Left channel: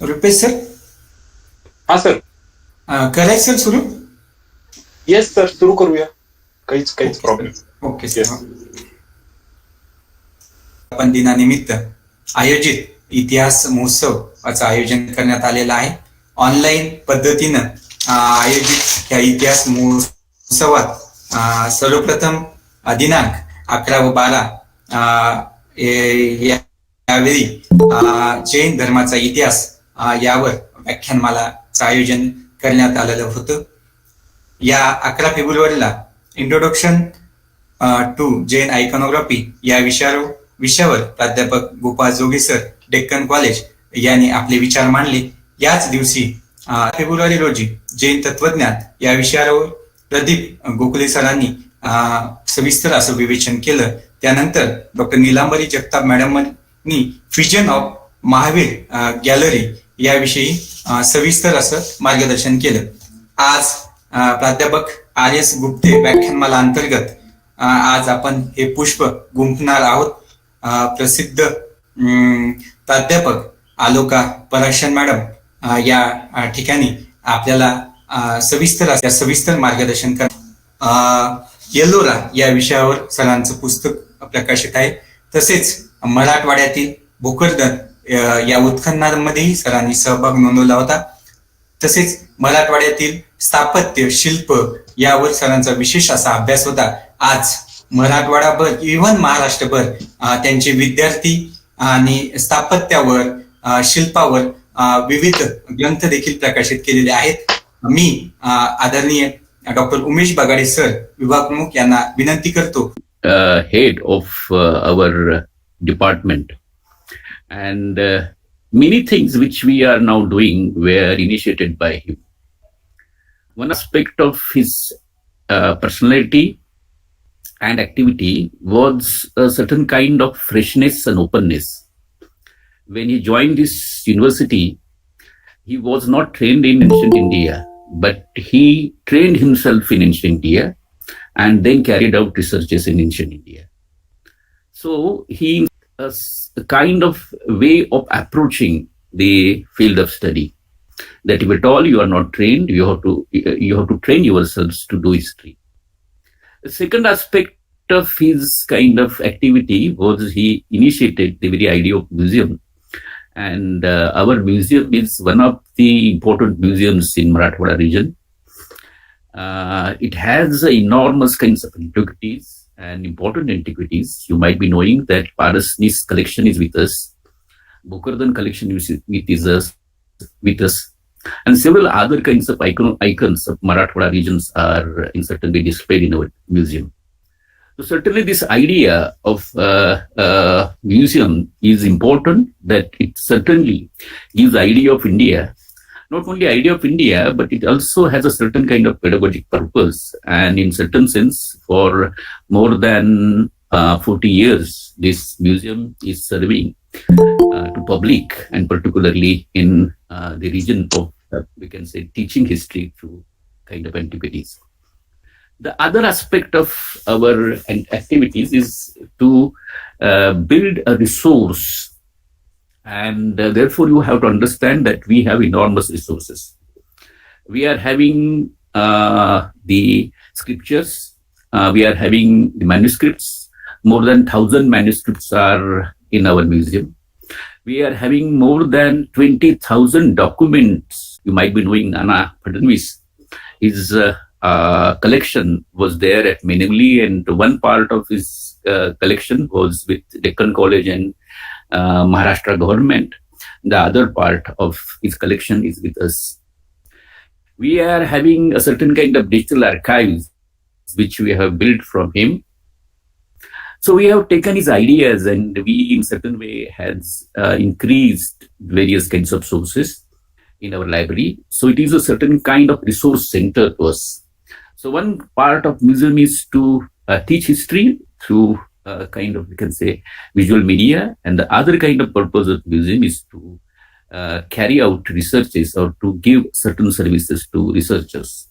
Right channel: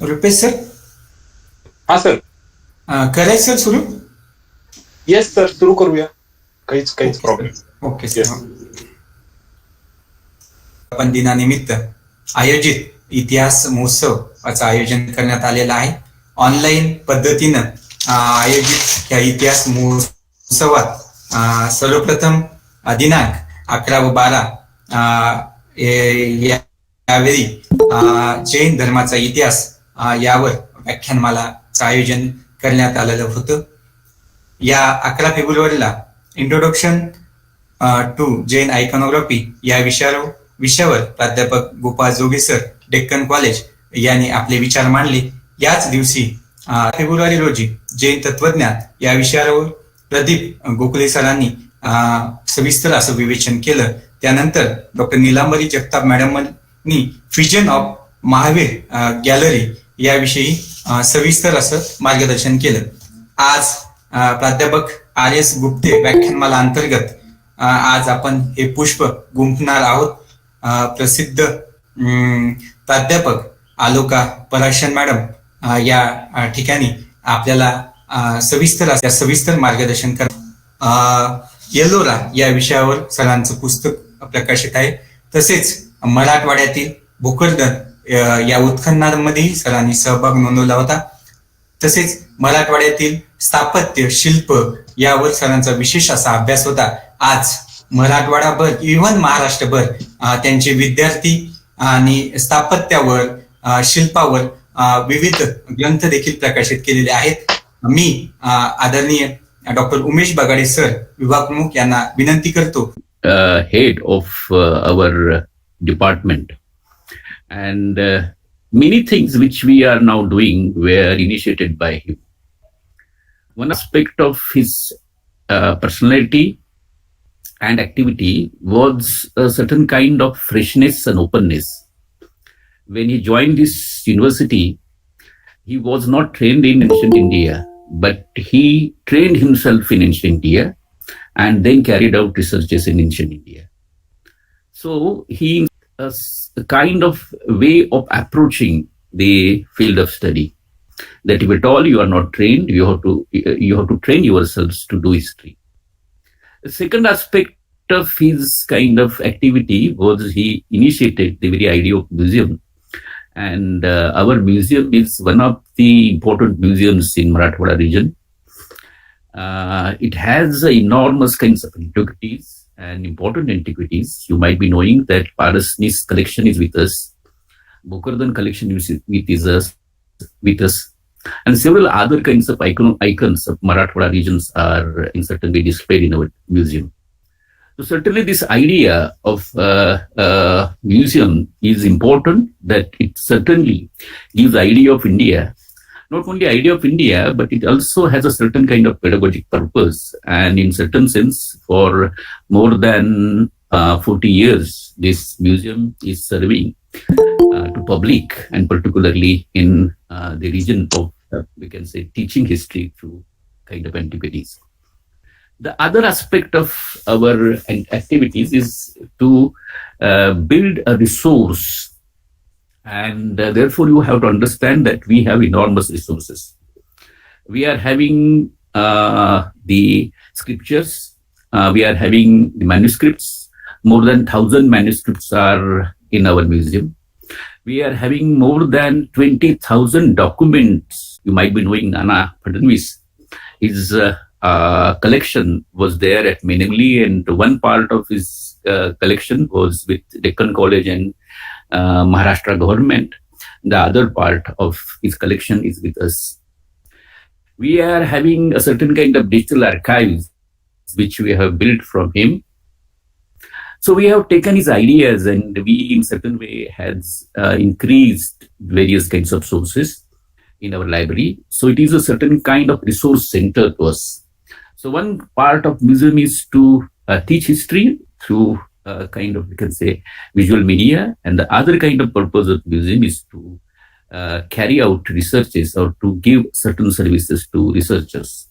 Rupesh sir, हा sir. करायचं sir सुरू. येस सर, सुरू करूया. काहीच okay problem. Sir. Okay sir. Yes. आपण दिनानिमित्त आयोजित इतिहास महोत्सवाचं आयोजन करण्यात आलेलं आहे. ऑनलाईन पद्धतीनं आयोजित या इतिहास महोत्सवात सर्वप्रथम दिनांक 11 व 12 यावेळी जैन धर्माचा इतिहास यावर व्याख्यानमालाचं आयोजन करण्यात आलेलं होतं. या 11 फेब्रुवारीला इंट्रोडक्शन टू जैन आयकॉनोग्राफी या विषयावर प्राध्यापक गोपाळ जोगे सर, डेक्कन कॉलेज यांनी आपले विचार मांडले. याच दिवशी फेब्रुवारी रोजी जैन तत्वज्ञान या विषयावर प्रदीप गोखले सरांनी सविस्तर असं विवेचन केलं. त्यानंतर डॉक्टर नीलांबरी जगताप मॅडमांनी फ्युजन ऑफ महावीर गॅलरी याविषयी सविस्तर असं मार्गदर्शन केलं. आज प्राध्यापक R.S. गुप्ते व्याख्यानमाला अंतर्गत आज आपण हे पुष्प गुंफणार आहोत. प्रसिद्ध प्राध्यापक आलोका पराशर मॅडम या ठिकाणी आपल्याला सविस्तर मार्गदर्शन करतात. येलोरा या विषयावर सरांचं पुस्तक प्रकाशित आहे. तसेच मराठवाड्यातील भोकरदन या उत्खननामध्येही सरांनी सहभाग नोंदवला होता. तसेच मराठवाड्यातील स्थापत्य शिल्प यावर सरांचा विशेष असा अभ्यास होता. आज मराठवाडाभर इव्हन महाराष्ट्रभर त्यांचे विद्यार्थी आणि स्थापत्यावर शिल्पावर विविध ग्रंथ देखील प्रकाशित केलेले आहेत. मी आदरणीय डॉक्टर उमेश बगाडे सर, विभाग प्रमुख यांना विनंती करतो. Head of our department, and many things which we are now doing were initiated by him. One aspect of his personality and activity was a certain kind of freshness and openness. When he joined this university, he was not trained in ancient India, but he trained himself in ancient India and then carried out researches in ancient India. So he a kind of way of approaching the field of study, that if at all you are not trained, you have to train yourselves to do history. The second aspect of his kind of activity was he initiated the very idea of museum, and our museum is one of the important museums in Marathwada region. It has enormous kinds of antiquities and important antiquities. You might be knowing that Parasnis collection is with us, Bokardan collection is with us, and several other kinds of icons of Marathwada regions are in certain way displayed in our museum. So certainly this idea of museum is important, that it certainly gives idea of India. Not only idea of India, but it also has a certain kind of pedagogic purpose. And in certain sense, for more than 40 years, this museum is serving to public, and particularly in the region of, we can say, teaching history through kind of antiquities. The other aspect of our activities is to build a resource, and therefore you have to understand that we have enormous resources. We are having the scriptures, we are having the manuscripts. More than 1,000 manuscripts are in our museum. We are having more than 20,000 documents. You might be knowing Nana Fadnavis. His collection was there at Menimli, and one part of his collection was with Deccan College and Maharashtra government. The other part of his collection is with us. We are having a certain kind of digital archives which we have built from him. So we have taken his ideas, and we in certain way has increased various kinds of sources in our library. So it is a certain kind of resource center to us. So one part of museum is to teach history through kind of, we can say, visual media, and the other kind of purpose of museum is to carry out researches or to give certain services to researchers.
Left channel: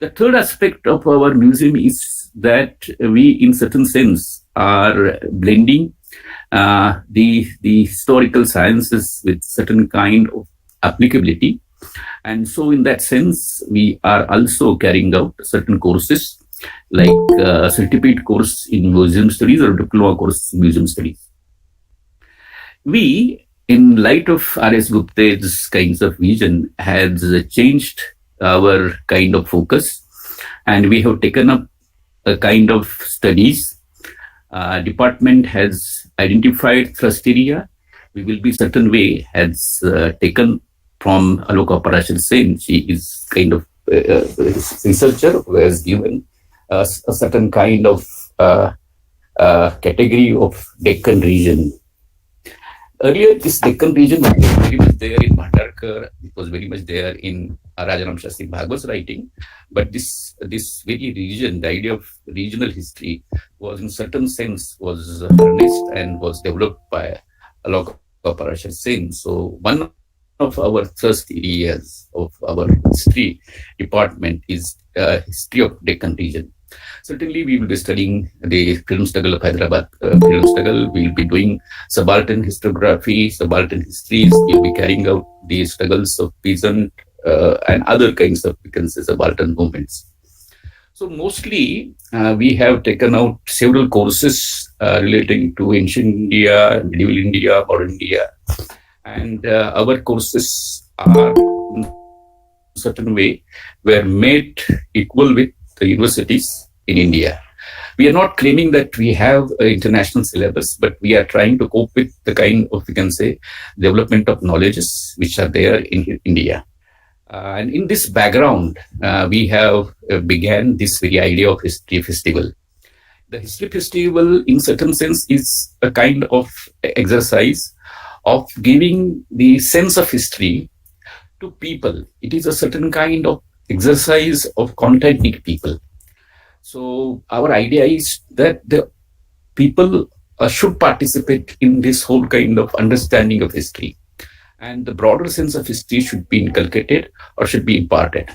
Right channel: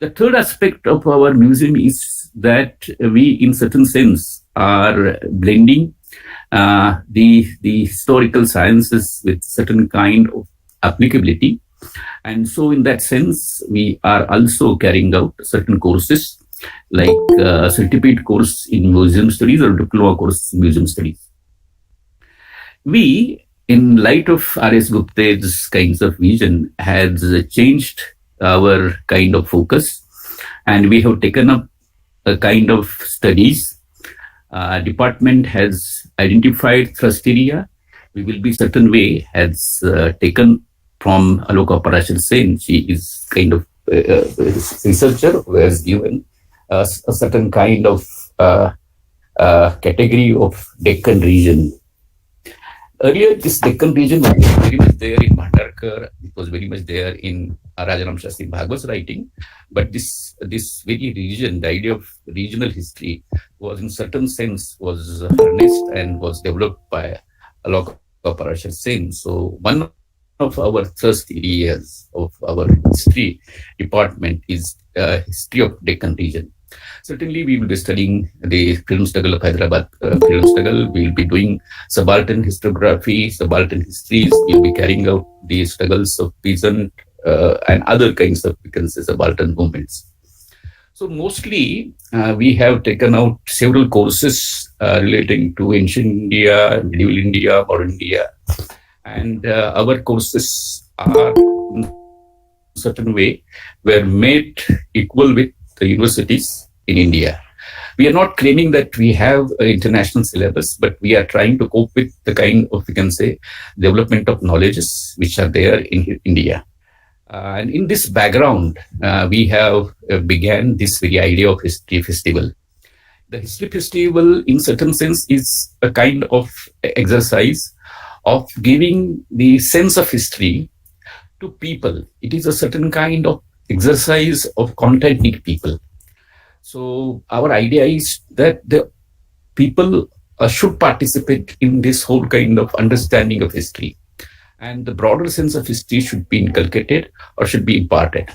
The third aspect of our museum is that we, in certain sense, are blending the historical sciences with certain kind of applicability. And so in that sense, we are also carrying out certain courses like certificate course in museum studies or diploma course in museum studies. We, in light of R.S. Gupta's kinds of vision, has changed our kind of focus, and we have taken up a kind of studies. Department has identified thrust area. We will be certain way has taken from Aloka Parashar Sen. She is kind of a researcher who has given a certain kind of category of Deccan region. Earlier, this Deccan region was very much there in Bhandarkar. It was very much there in Rajaram Shastri Bhagwat's writing. But this very region, the idea of regional history, was in certain sense was harnessed and was developed by Aloka Parashar Sen. So one of our thrust areas of our history department is history of Deccan region. Certainly, we will be studying the film struggle of Hyderabad film struggle. We will be doing subaltern historiography, subaltern histories. We will be carrying out the struggles of peasant and other kinds of, we can say, subaltern movements. So mostly, we have taken out several courses relating to ancient India, medieval India, modern India, and our courses are in a certain way were made equal with the universities in India. We are not claiming that we have an international syllabus, but we are trying to cope with the kind of, we can say, development of knowledges which are there in India. And in this background, we have began this very idea of history festival. The history festival, in certain sense, is a kind of exercise of giving the sense of history to people. It is a certain kind of exercise of contenting people. So our idea is that the people should participate in this whole kind of understanding of history, and the broader sense of history should be inculcated or should be imparted.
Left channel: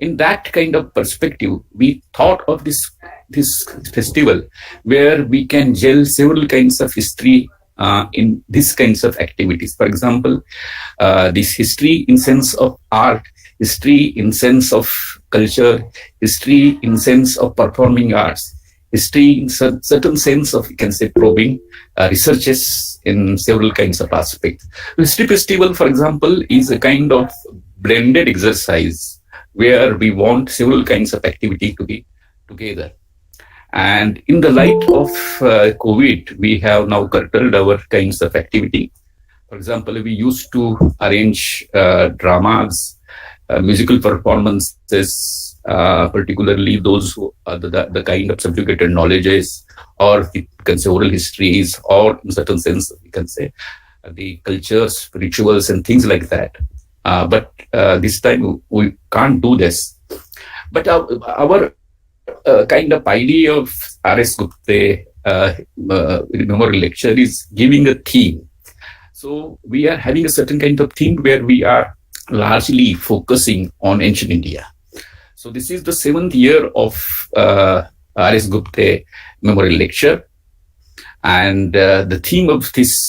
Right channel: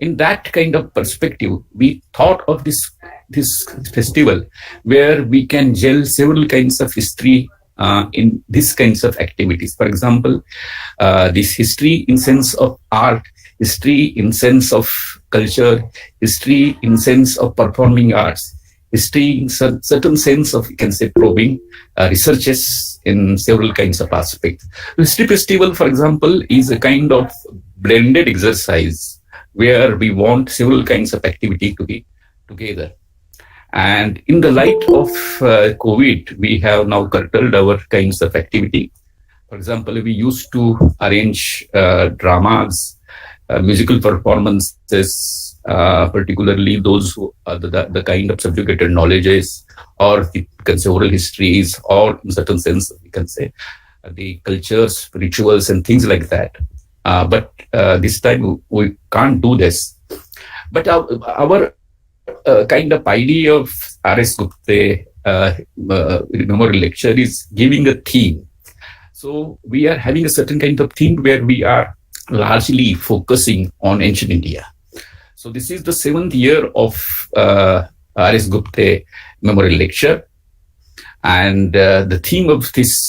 In that kind of perspective, we thought of this festival where we can gel several kinds of history in these kinds of activities. For example, this history in sense of art, history in sense of culture, history in sense of performing arts, history in certain sense of, you can say, probing researches in several kinds of aspects. History festival, for example, is a kind of blended exercise where we want several kinds of activity to be together. And in the light of COVID, we have now curtailed our kinds of activity. For example, we used to arrange dramas, musical performances, particularly those who are the kind of subjugated knowledges, or you can say oral histories, or in certain sense, we can say the cultures, rituals, and things like that. But this time we can't do this. But our kind of idea of R.S. Gupta memorial lecture is giving a theme. So we are having a certain kind of theme where we are largely focusing on ancient India. So this is the 7th year of R.S. Gupta memorial lecture, and the theme of this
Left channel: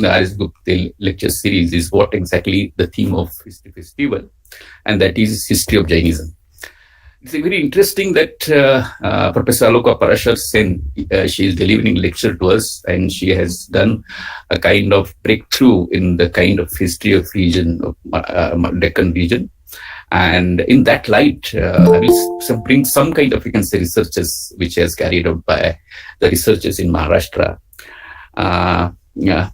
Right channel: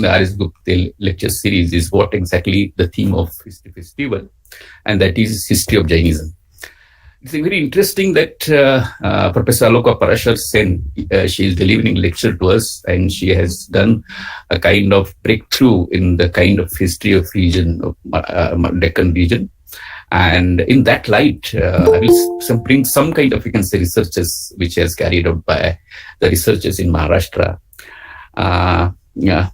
R.S. Gupta lecture series is what exactly the theme of History Festival, and that is history of Jainism. It's very interesting that Professor Aloka Parashar Sen, she is delivering lecture to us, and she has done a kind of breakthrough in the kind of history of region of Deccan region. And in that light, I will bring some kind of, you can say, researches which has carried out by the researchers in Maharashtra. The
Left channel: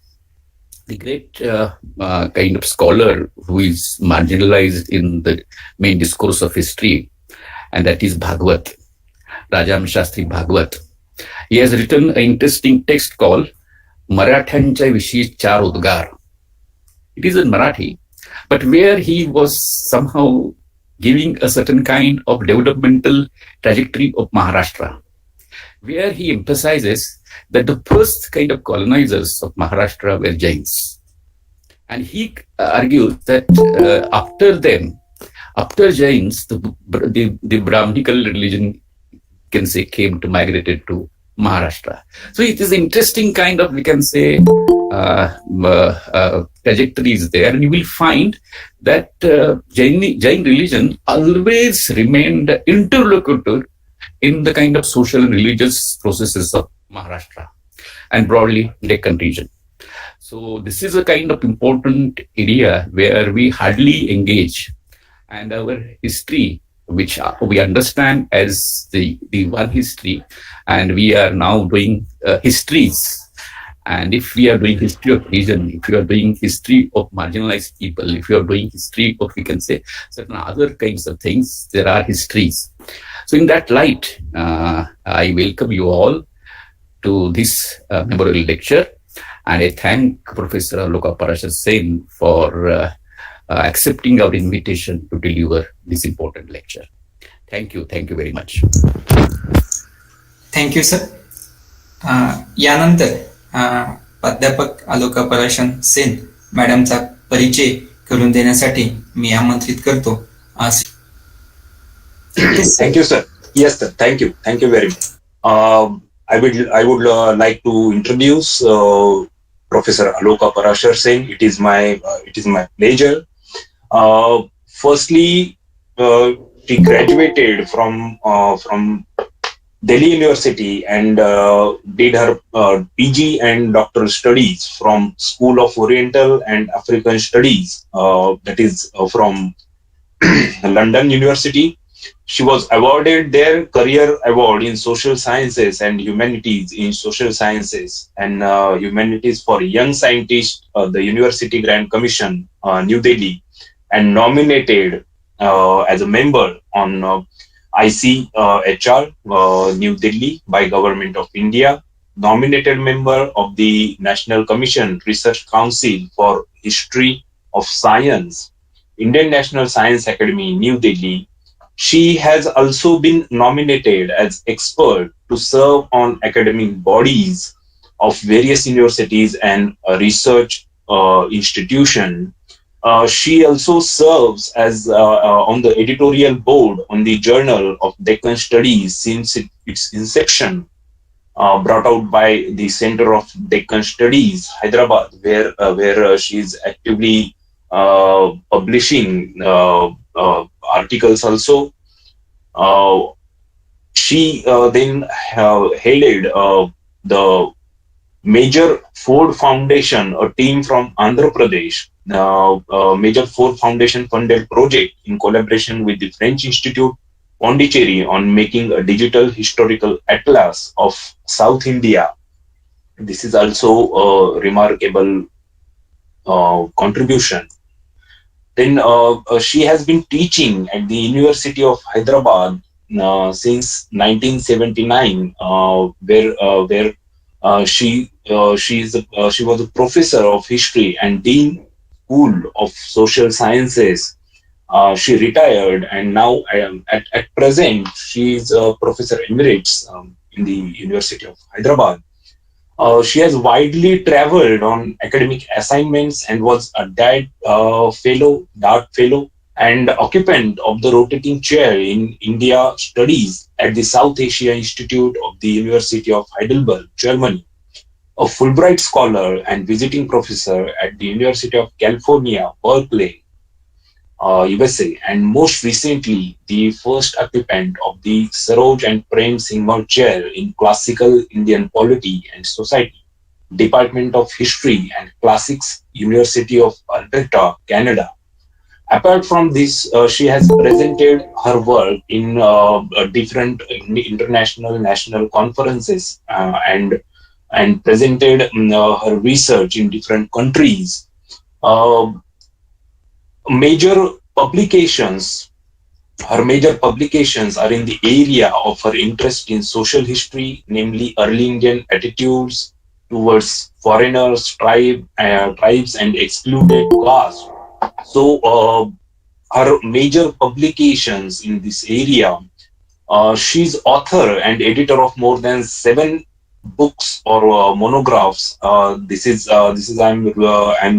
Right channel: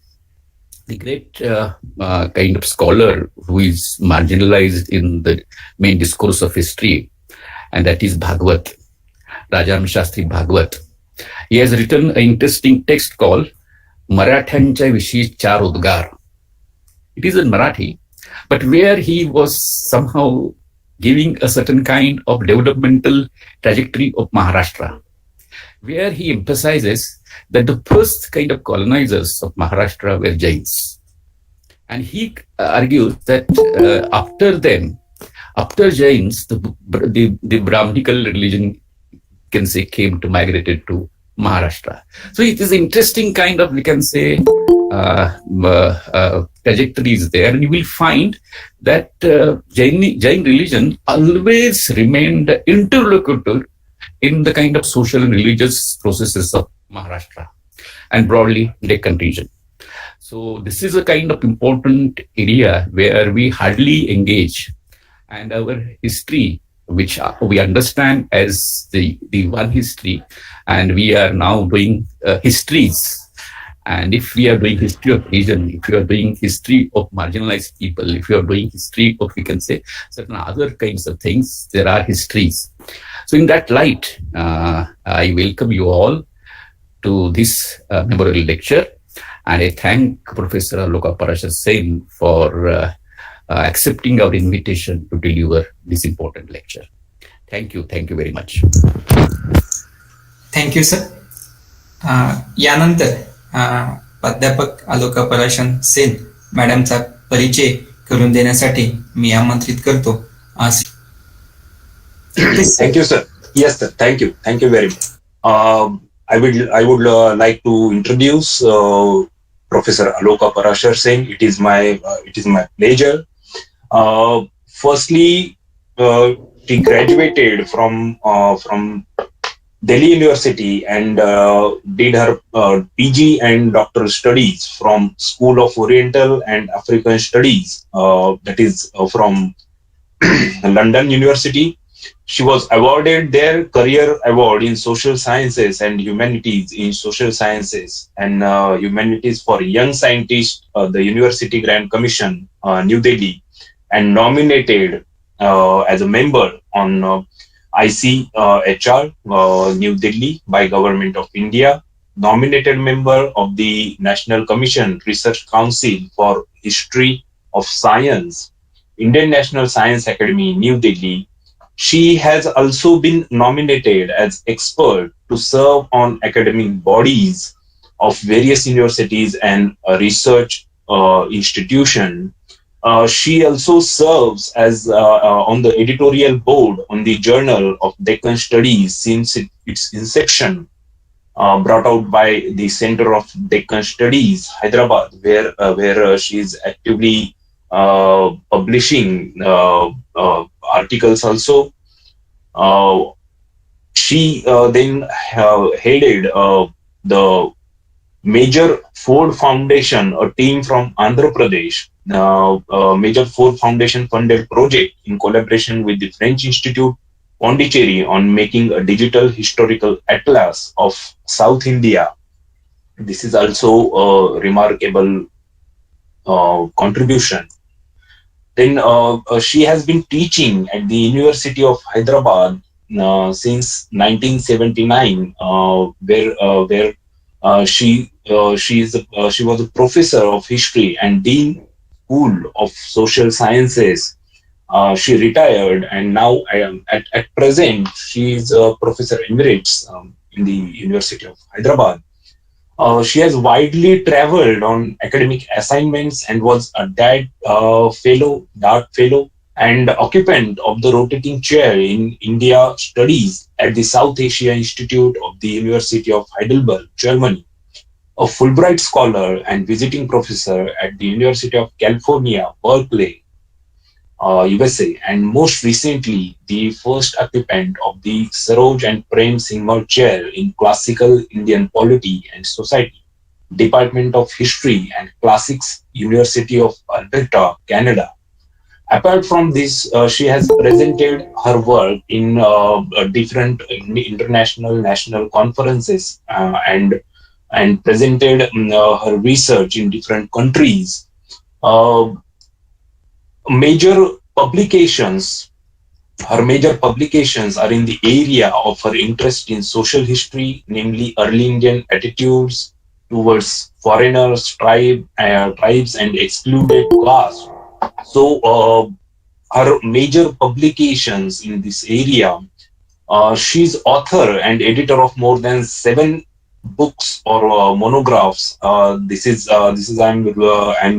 great kind of scholar who is marginalized in the main discourse of history, and that is Bhagwat, Rajaram Shastri Bhagwat. He has written an interesting text called Marathyancha Vishi Char Udgar. It is in Marathi, but where he was somehow giving a certain kind of developmental trajectory of Maharashtra, where he emphasizes that the first kind of colonizers of Maharashtra were Jains. And he argues that after them, after Jains, the Brahminical religion, can say, came to migrated to Maharashtra. So it is interesting kind of, we can say, trajectories there, and you will find that Jain religion always remained interlocutor in the kind of social and religious processes of Maharashtra and broadly Deccan region. So this is a kind of important area where we hardly engage, and our history, which we understand as the one history, and we are now doing histories. And if we are doing history of region, if we are doing history of marginalized people, if we are doing history of, we can say, certain other kinds of things, there are histories. So in that light, I welcome you all to this memorial lecture, and I thank Professor Aloka Parashar Sen for accepting our invitation to deliver this important lecture. Thank you very much. Thank you sir. यानंतर प्राध्यापक आलोका पराशर सेन मॅडमचा परिचय करून देण्यासाठी मी आमंत्रित करतो. Thank you, sir. Yes, sir. Thank you very much. I would like to introduce Professor Aloka Parashar Sen. It is my pleasure. Firstly, she graduated from Delhi University and did her PG and doctoral studies from School of Oriental and African Studies, that is from London University. She was awarded their Career Award in Social Sciences and Humanities in Social Sciences and Humanities for Young Scientists, the University Grand Commission, New Delhi, and nominated as a member on ICHR, New Delhi by Government of India, nominated member of the National Commission Research Council for History of Science, Indian National Science Academy, New Delhi. She has also been nominated as expert to serve on academic bodies of various universities and research institutions. She also serves as on the editorial board on the Journal of Deccan Studies since its inception, brought out by the Center of Deccan Studies, Hyderabad, where she is actively publishing articles also. She then headed the Major Ford Foundation, a team from Andhra Pradesh, Major Ford Foundation funded project in collaboration with the French Institute Pondicherry on making a digital historical atlas of South India. This is also a remarkable contribution. Then she has been teaching at the University of Hyderabad since 1979, where she was a professor of history and dean School of Social Sciences. She retired, and now at present she is a professor emeritus in the University of Hyderabad. She has widely traveled on academic assignments and was a DART fellow, and occupant of the rotating chair in India Studies at the South Asia Institute of the University of Heidelberg, Germany, a Fulbright scholar and visiting professor at the University of California, Berkeley, USA, and most recently, the first occupant of the Saroj and Prem Singhal Chair in Classical Indian Polity and Society, Department of History and Classics, University of Alberta, Canada. Apart from this, she has presented her work in different international national conferences and presented her research in different countries. Her major publications are in the area of her interest in social history, namely early Indian attitudes towards foreigners, tribes, and excluded caste. So, her major publications in this area, she's author and editor of more than 7 books or monographs. This is I'm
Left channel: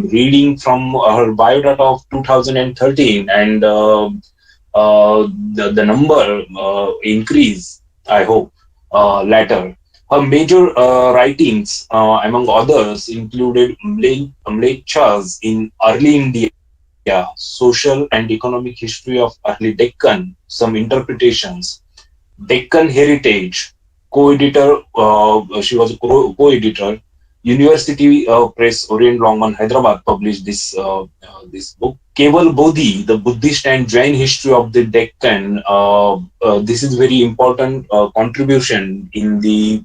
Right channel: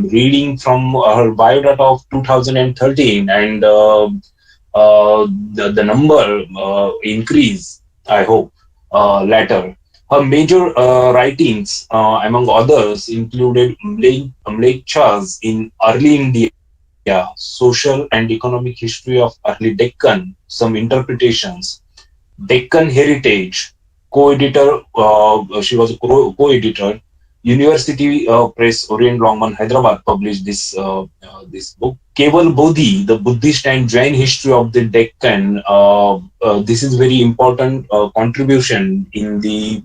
reading from her biodata of 2013, and the number increase, I hope, later. Her major writings, among others, included Mlechas in early India, social and economic history of early Deccan, some interpretations, Deccan Heritage, co-editor. She was a co-editor. University Press, Orient Longman, Hyderabad published this book. Keval Bodhi, the Buddhist and Jain history of the Deccan. This is very important contribution in the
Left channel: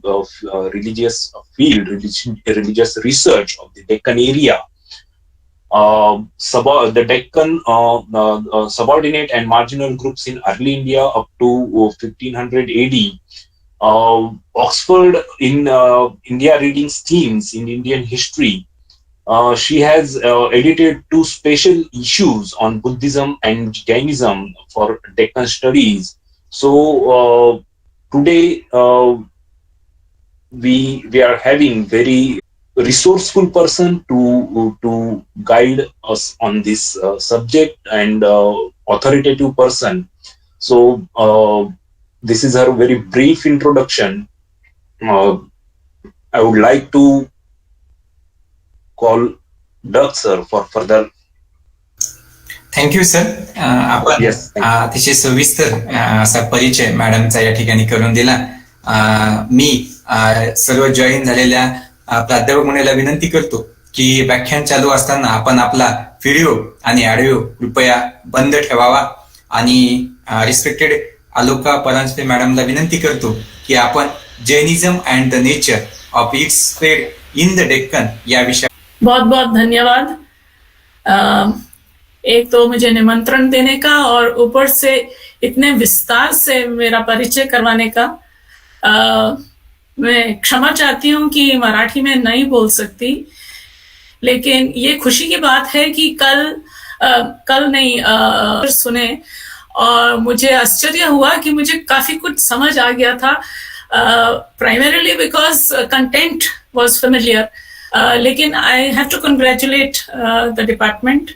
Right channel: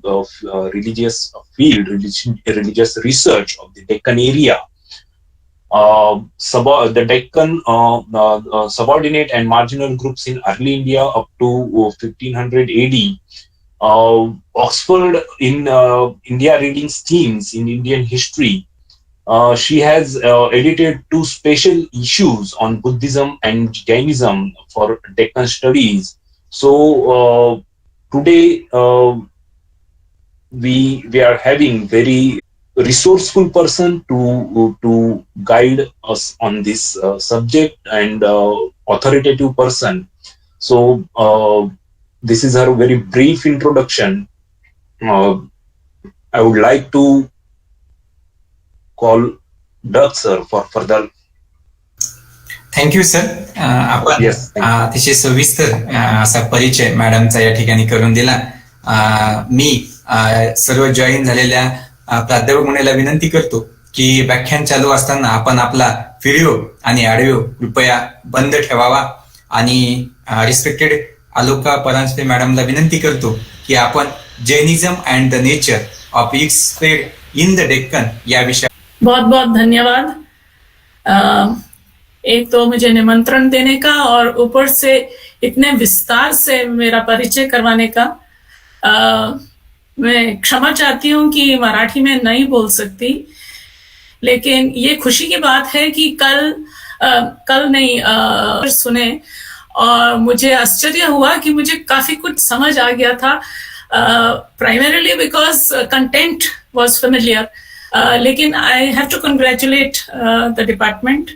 religious field, religious research of the Deccan area. The Deccan subordinate and marginal groups in early India up to 1500 AD. Oxford in India readings themes in Indian history. She has edited 2 special issues on Buddhism and Jainism for Deccan studies. So today we are having very resourceful person to guide us on this subject, and authoritative person. So this is her very brief introduction. I would like to call Doug sir for further. Thank you sir. आपण Yes, thank you. अतिशय सविस्तर असा परिचय मॅडमचा या ठिकाणी करून दिला. मी सर्व join झालेल्या प्राध्यापक मुलीला विनंती करतो की व्याख्यान चालू असताना आपण आपला व्हिडिओ आणि ऑडिओ कृपया बंद ठेवावा, आणि रिस्पेक्टेड आलोका परांजपे मॅडमला विनंती करतो की आपण Jainism and the nature of its spread in the Deccan या विषयावर. बहुत बहुत धन्यवाद. एक तो मुझे निमंत्रण देने का और ऊपर से इतने विस्तार से मेरा परिचय करवाने का. मैं क्षमा चाहती हूँ कि मराठी में नहीं बोल सकती, लेकिन ये खुशी की बात है कि कल नहीं सुने, और मुझे आश्चर्य हुआ कि मुझे काफी कुछ समझ आ गया था, primarily because content was familiar. लेकिन I have to congratulate the department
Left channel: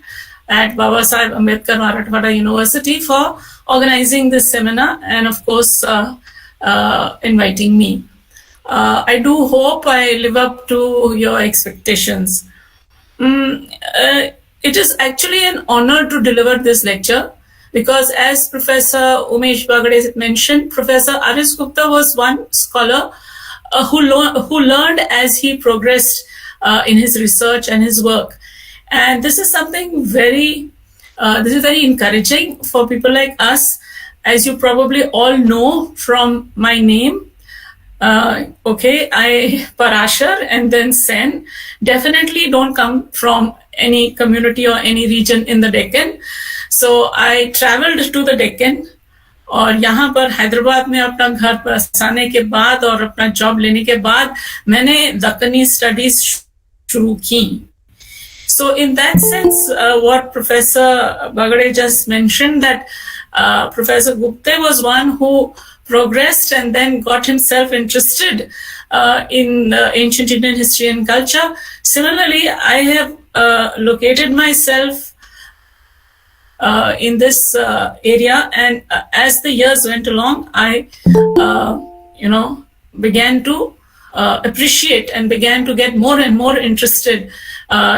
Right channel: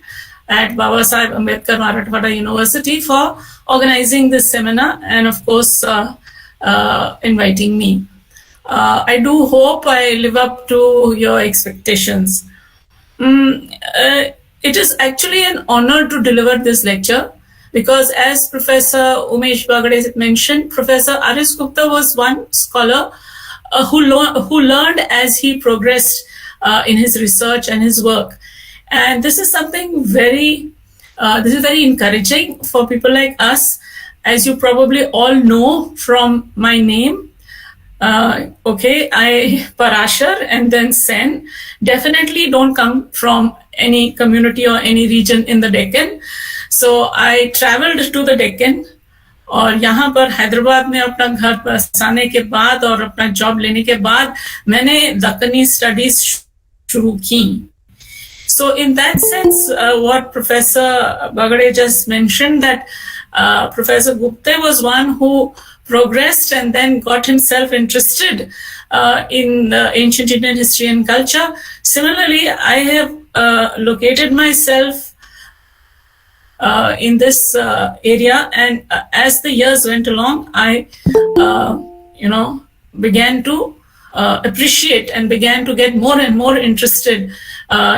at Babasaheb Ambedkar Marathwada University for organizing this seminar and of course inviting me. I do hope I live up to your expectations. It is actually an honor to deliver this lecture because, as Professor Umesh Bagade mentioned, Professor Aris Gupta was one scholar who learned as he progressed in his research and his work. And this is something very encouraging for people like us, as you probably all know from my name. I, Parashar and then Sen, definitely don't come from any community or any region in the Deccan. So I traveled to the Deccan, और यहाँ पर हैदराबाद में अपना घर बसाने के बाद और अपना जॉब लेने के बाद मैंने दक्कनी स्टडीज शुरू की. So in that sense, what Professor Bagade just mentioned, that Professor Gupta was one who progressed and then got himself interested in ancient Indian history and culture. Similarly, I have located myself in this area, and as the years went along, I began to appreciate and began to get more and more interested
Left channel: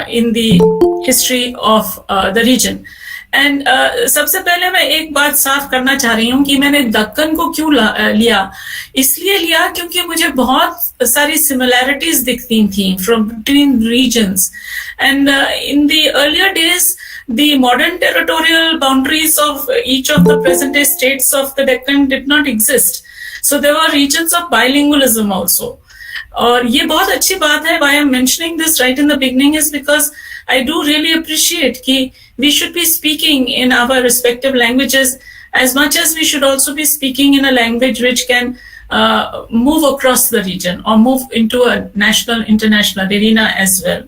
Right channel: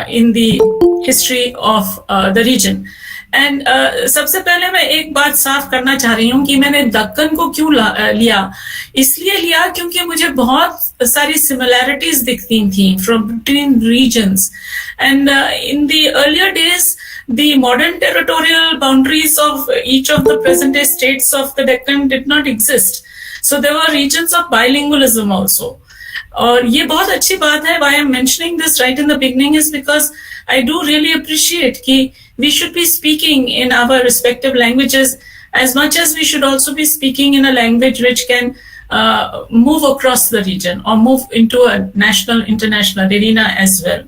in the history of the region. And सबसे पहले मैं एक बात साफ करना चाह रही हूँ कि मैंने दक्कन को क्यों लिया. इसलिए लिया क्योंकि मुझे बहुत सारी similarities दिखती थी between regions. And in the earlier days, the modern territorial boundaries of each of the present-day states of the Deccan did not exist. So there were regions of bilingualism also. और ये बहुत अच्छी बात है. Why I'm mentioning this right in the beginning is because I do really appreciate कि we should be speaking in our respective languages as much as we should also be speaking in a language which can move across the region or move into a national, international arena as well.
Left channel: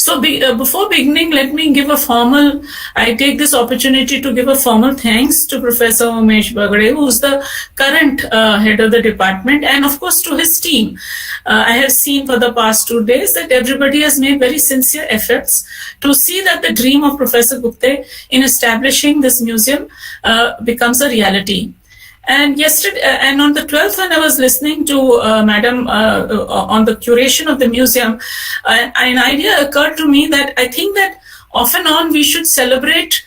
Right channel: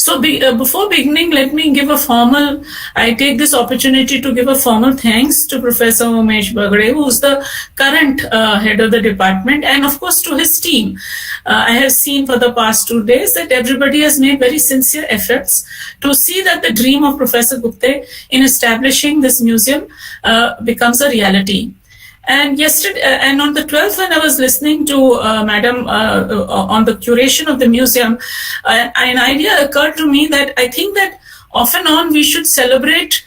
So before beginning, let me give I take this opportunity to give a formal thanks to Professor Umesh Bagade, who is the current head of the department, and of course to his team. I have seen for the past 2 days that everybody has made very sincere efforts to see that the dream of Professor Gupta in establishing this museum becomes a reality. And yesterday, and on the 12th, when I was listening to Madam on the curation of the museum, an idea occurred to me that I think that off and on we should celebrate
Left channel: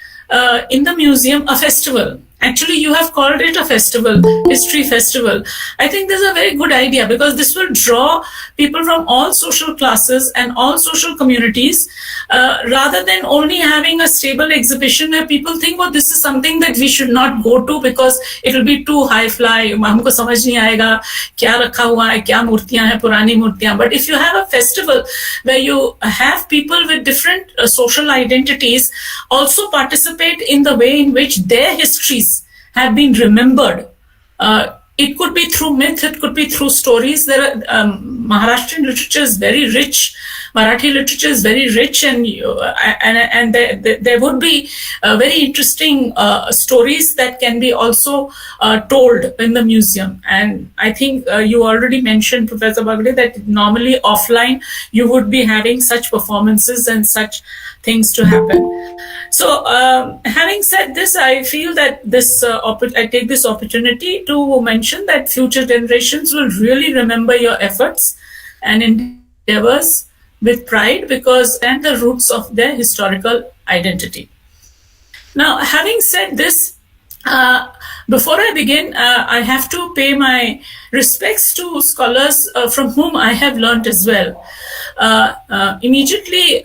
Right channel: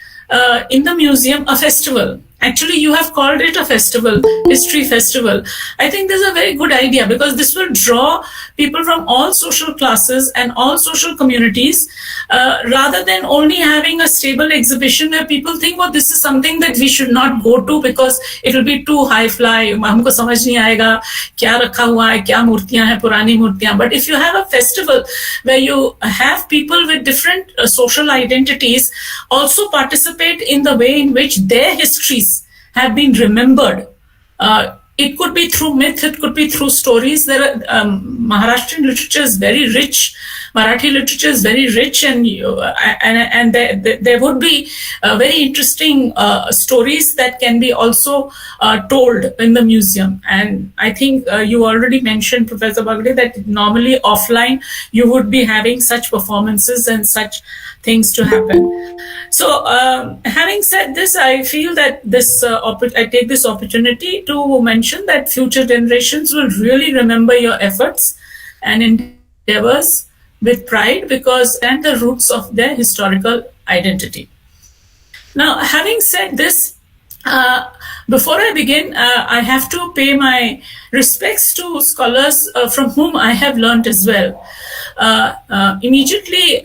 in the museum a festival. Actually, you have called it a festival, history festival. I think this is a very good idea because this will draw people from all social classes and all social communities, rather than only having a stable exhibition where people think, well, this is something that we should not go to because it will be too high fly. हमको समझ नहीं आएगा क्या रखा हुआ है, क्या मूर्तियां हैं, पुरानी मूर्तियां. But if you have a festival where you have people with different social identities also participate in the way in which their histories have been remembered. It could be through myth, it could be through stories. There are, Maharashtrian literature is very rich. Marathi literature is very rich, and there would be very interesting stories that can be also told in the museum. And I think you already mentioned, Professor Bagde, that normally offline you would be having such performances and such things to happen. So, having said this, I feel that this I take this opportunity to mention that future generations will really remember your efforts and endeavors with pride because and the roots of their historical identity. Now, having said this, before I begin, I have to pay my respects to scholars from whom I have learned as well. Immediately,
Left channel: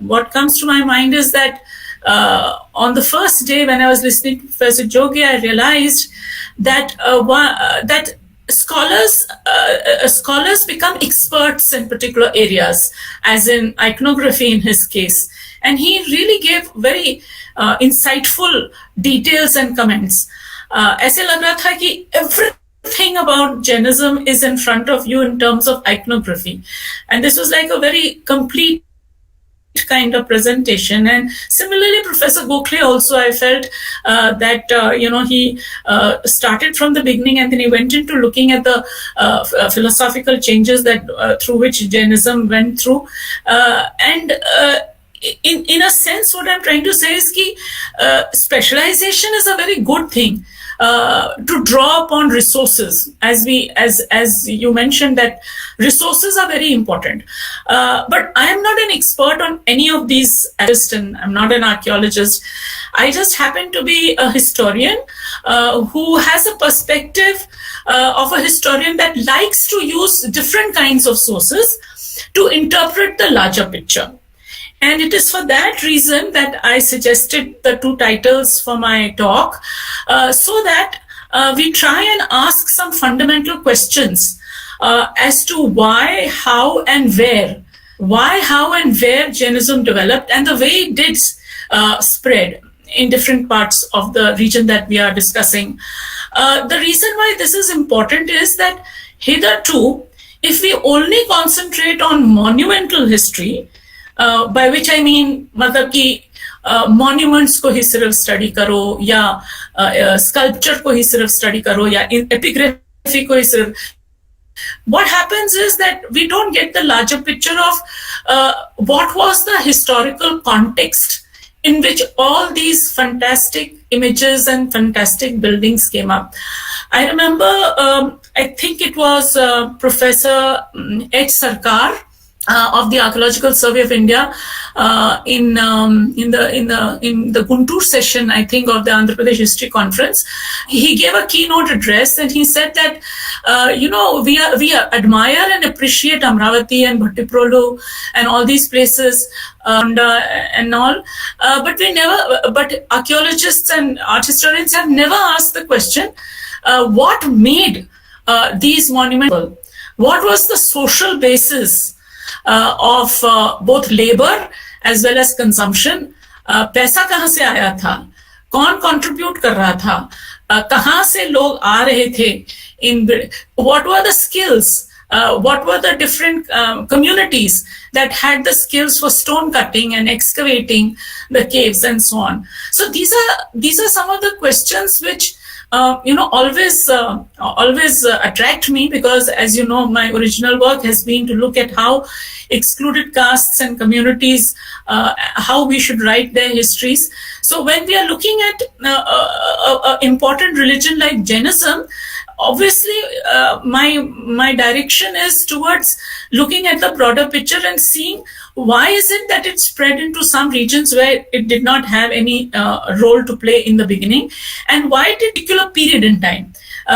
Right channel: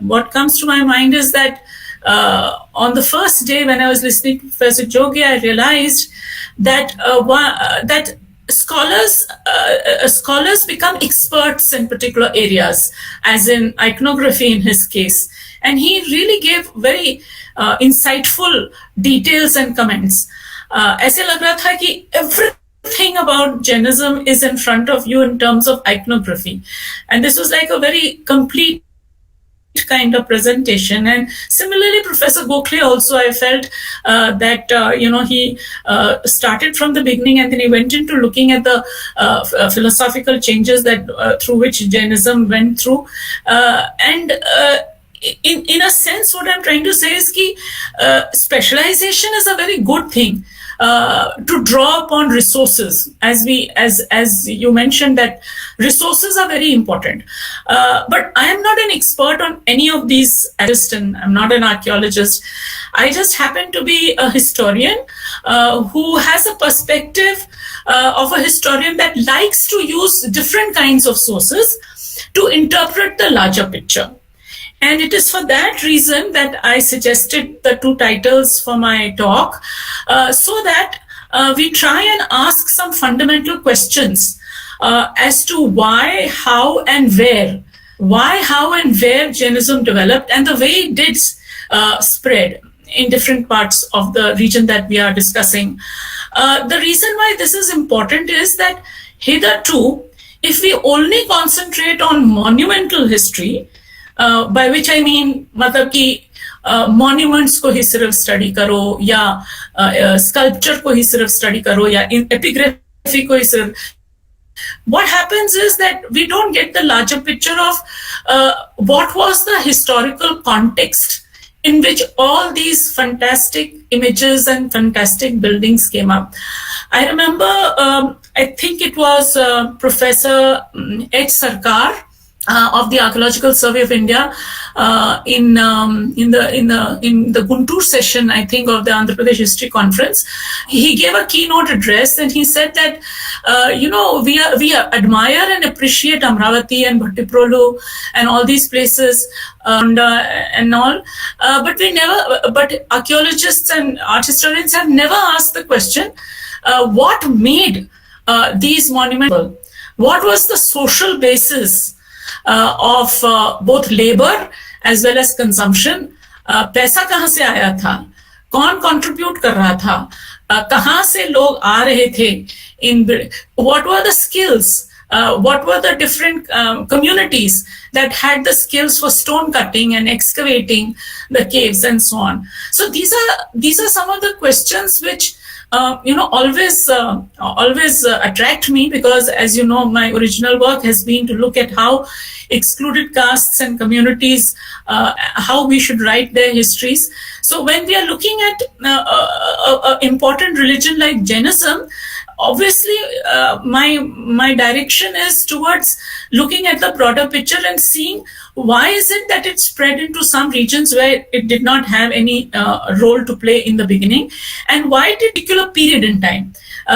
what comes to my mind is that on the first day when I was listening to Professor Jogi, I realized that that scholars become experts in particular areas, as in iconography in his case, and he really gave very insightful details and comments. ऐसे लग रहा था कि everything about Jainism is in front of you in terms of iconography, and this was like a very complete kind of presentation. And similarly, Professor Gokhale also, I felt that he started from the beginning and then he went into looking at the philosophical changes that through which Jainism went through, and in a sense, what I'm trying to say is that specialization is a very good thing. To draw upon resources, as you mentioned, that resources are very important. But I am not an expert on any of these, and I'm not an archaeologist. I just happen to be a historian who has a perspective of a historian that likes to use different kinds of sources to interpret the larger picture. And it is for that reason that I suggested the two titles for my talk, so that we try and ask some fundamental questions as to why, how, and where Jainism developed and the way it did spread in different parts of the region that we are discussing. The reason why this is important is that hitherto, if we only concentrate on monumental history, by which I mean मतलब कि monuments को ही सिर्फ study करो या sculpture को ही सिर्फ study करो या epigraphy को ही सिर्फ, what happens is that we don't get the larger picture of what was the historical context in which all these fantastic images and fantastic buildings came up. I remember, I think it was Professor H. Sarkar of the Archaeological Survey of India in the Guntur session, I think, of the Andhra Pradesh History Conference. He gave a keynote address and he said that we admire and appreciate Amravati and Bhattiprolu and all these places and all, but archaeologists and art historians have never asked the question, what made these monuments? What was the social basis of both labor as well as consumption? पैसा कहाँ से आया था, कौन contribute कर रहा था, कहाँ से लोग आ रहे थे, what were the skills, what were the different communities that had the skills for stone cutting and excavating the caves and so on. So these are some of the questions which always attract me, because, as you know, my original work has been to look at how excluded castes and communities, how we should write their histories. So when we are looking at an important religion like Jainism, obviously my direction is towards looking at the broader picture and seeing why is it that it spread into some regions where it did not have any role to play in the beginning, and why did a particular period in time,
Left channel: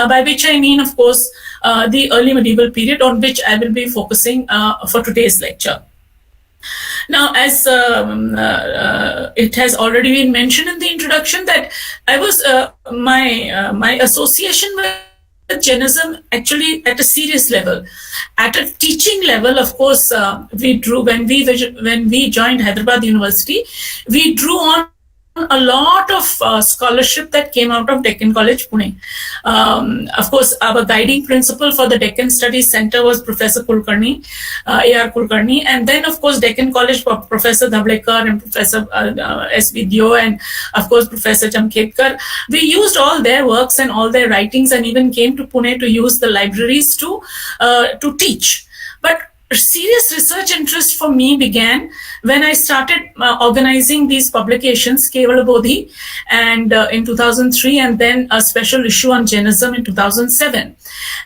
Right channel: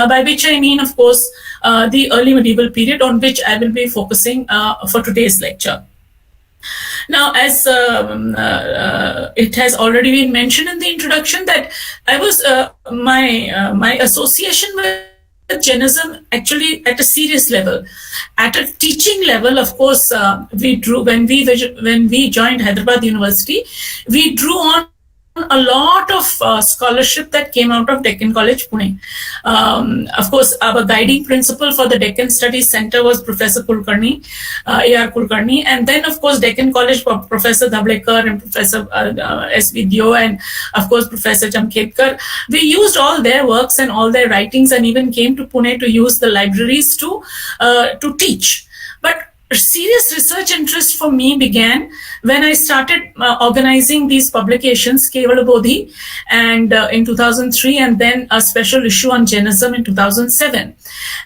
by which I mean, of course, the early medieval period, on which I will be focusing for today's lecture. Now, as it has already been mentioned in the introduction, that I was my association with Jainism actually at a serious level. At a teaching level, of course, we drew, when we joined Hyderabad University, we drew on a lot of scholarship that came out of Deccan College, Pune. Of course, our guiding principal for the Deccan Studies Center was Professor Kulkarni, A.R. Kulkarni, and then, of course, Deccan College, Professor Dhavlekar and Professor S. Vidyo, and, of course, Professor Jamkhedkar. We used all their works and all their writings, and even came to Pune to use the libraries to teach. But serious research interest for me began when I started organizing these publications, Kevala Bodhi, and in 2003, and then a special issue on Jainism in 2007.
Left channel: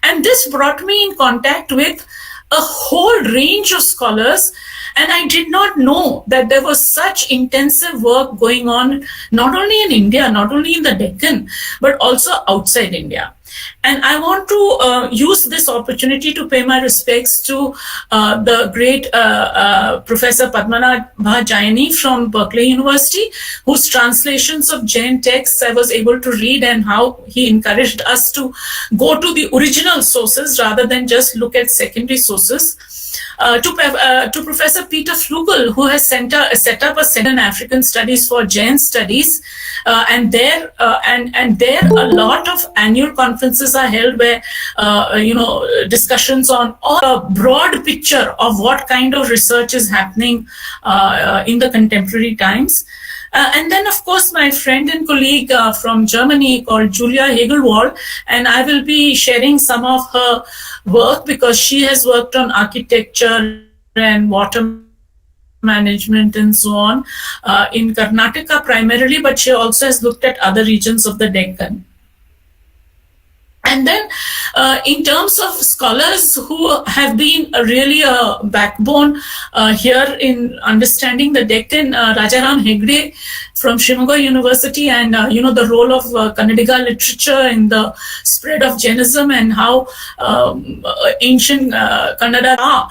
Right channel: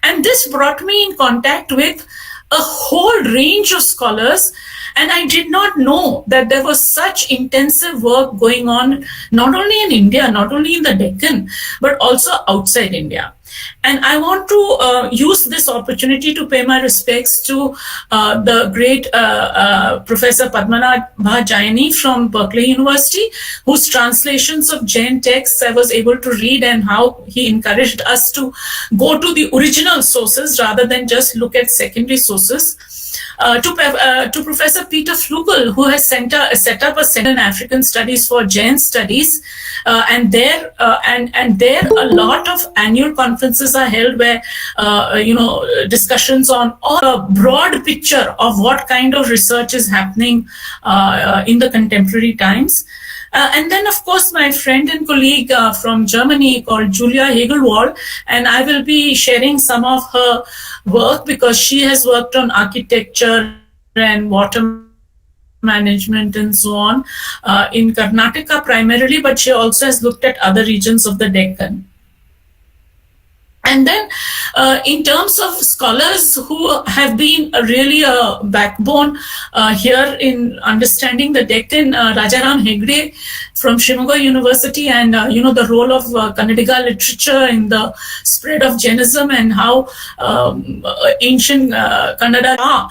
And this brought me in contact with a whole range of scholars, and I did not know that there was such intensive work going on, not only in India, not only in the Deccan, but also outside India. And I want to use this opportunity to pay my respects to the great Professor Padmanabha Jaini from Berkeley University, whose translations of Jain texts I was able to read, and how he encouraged us to go to the original sources rather than just look at secondary sources. To Professor Peter Flugel, who has set up a Center in African Studies for Jain Studies, and there a lot of annual conferences are held where discussions on a broad picture of what kind of research is happening in the contemporary times. And then, of course, my friend and colleague from Germany called Julia Hegelwald, and I will be sharing some of her work because she has worked on architecture and water management and so on in Karnataka primarily, but she also has looked at other regions of the Deccan. And then in terms of scholars who have been really a backbone here in understanding the Deccan, Rajaram Hegde from Shimoga University, and the role of Kannadiga literature in the spread of Jainism, and how ancient Kannada,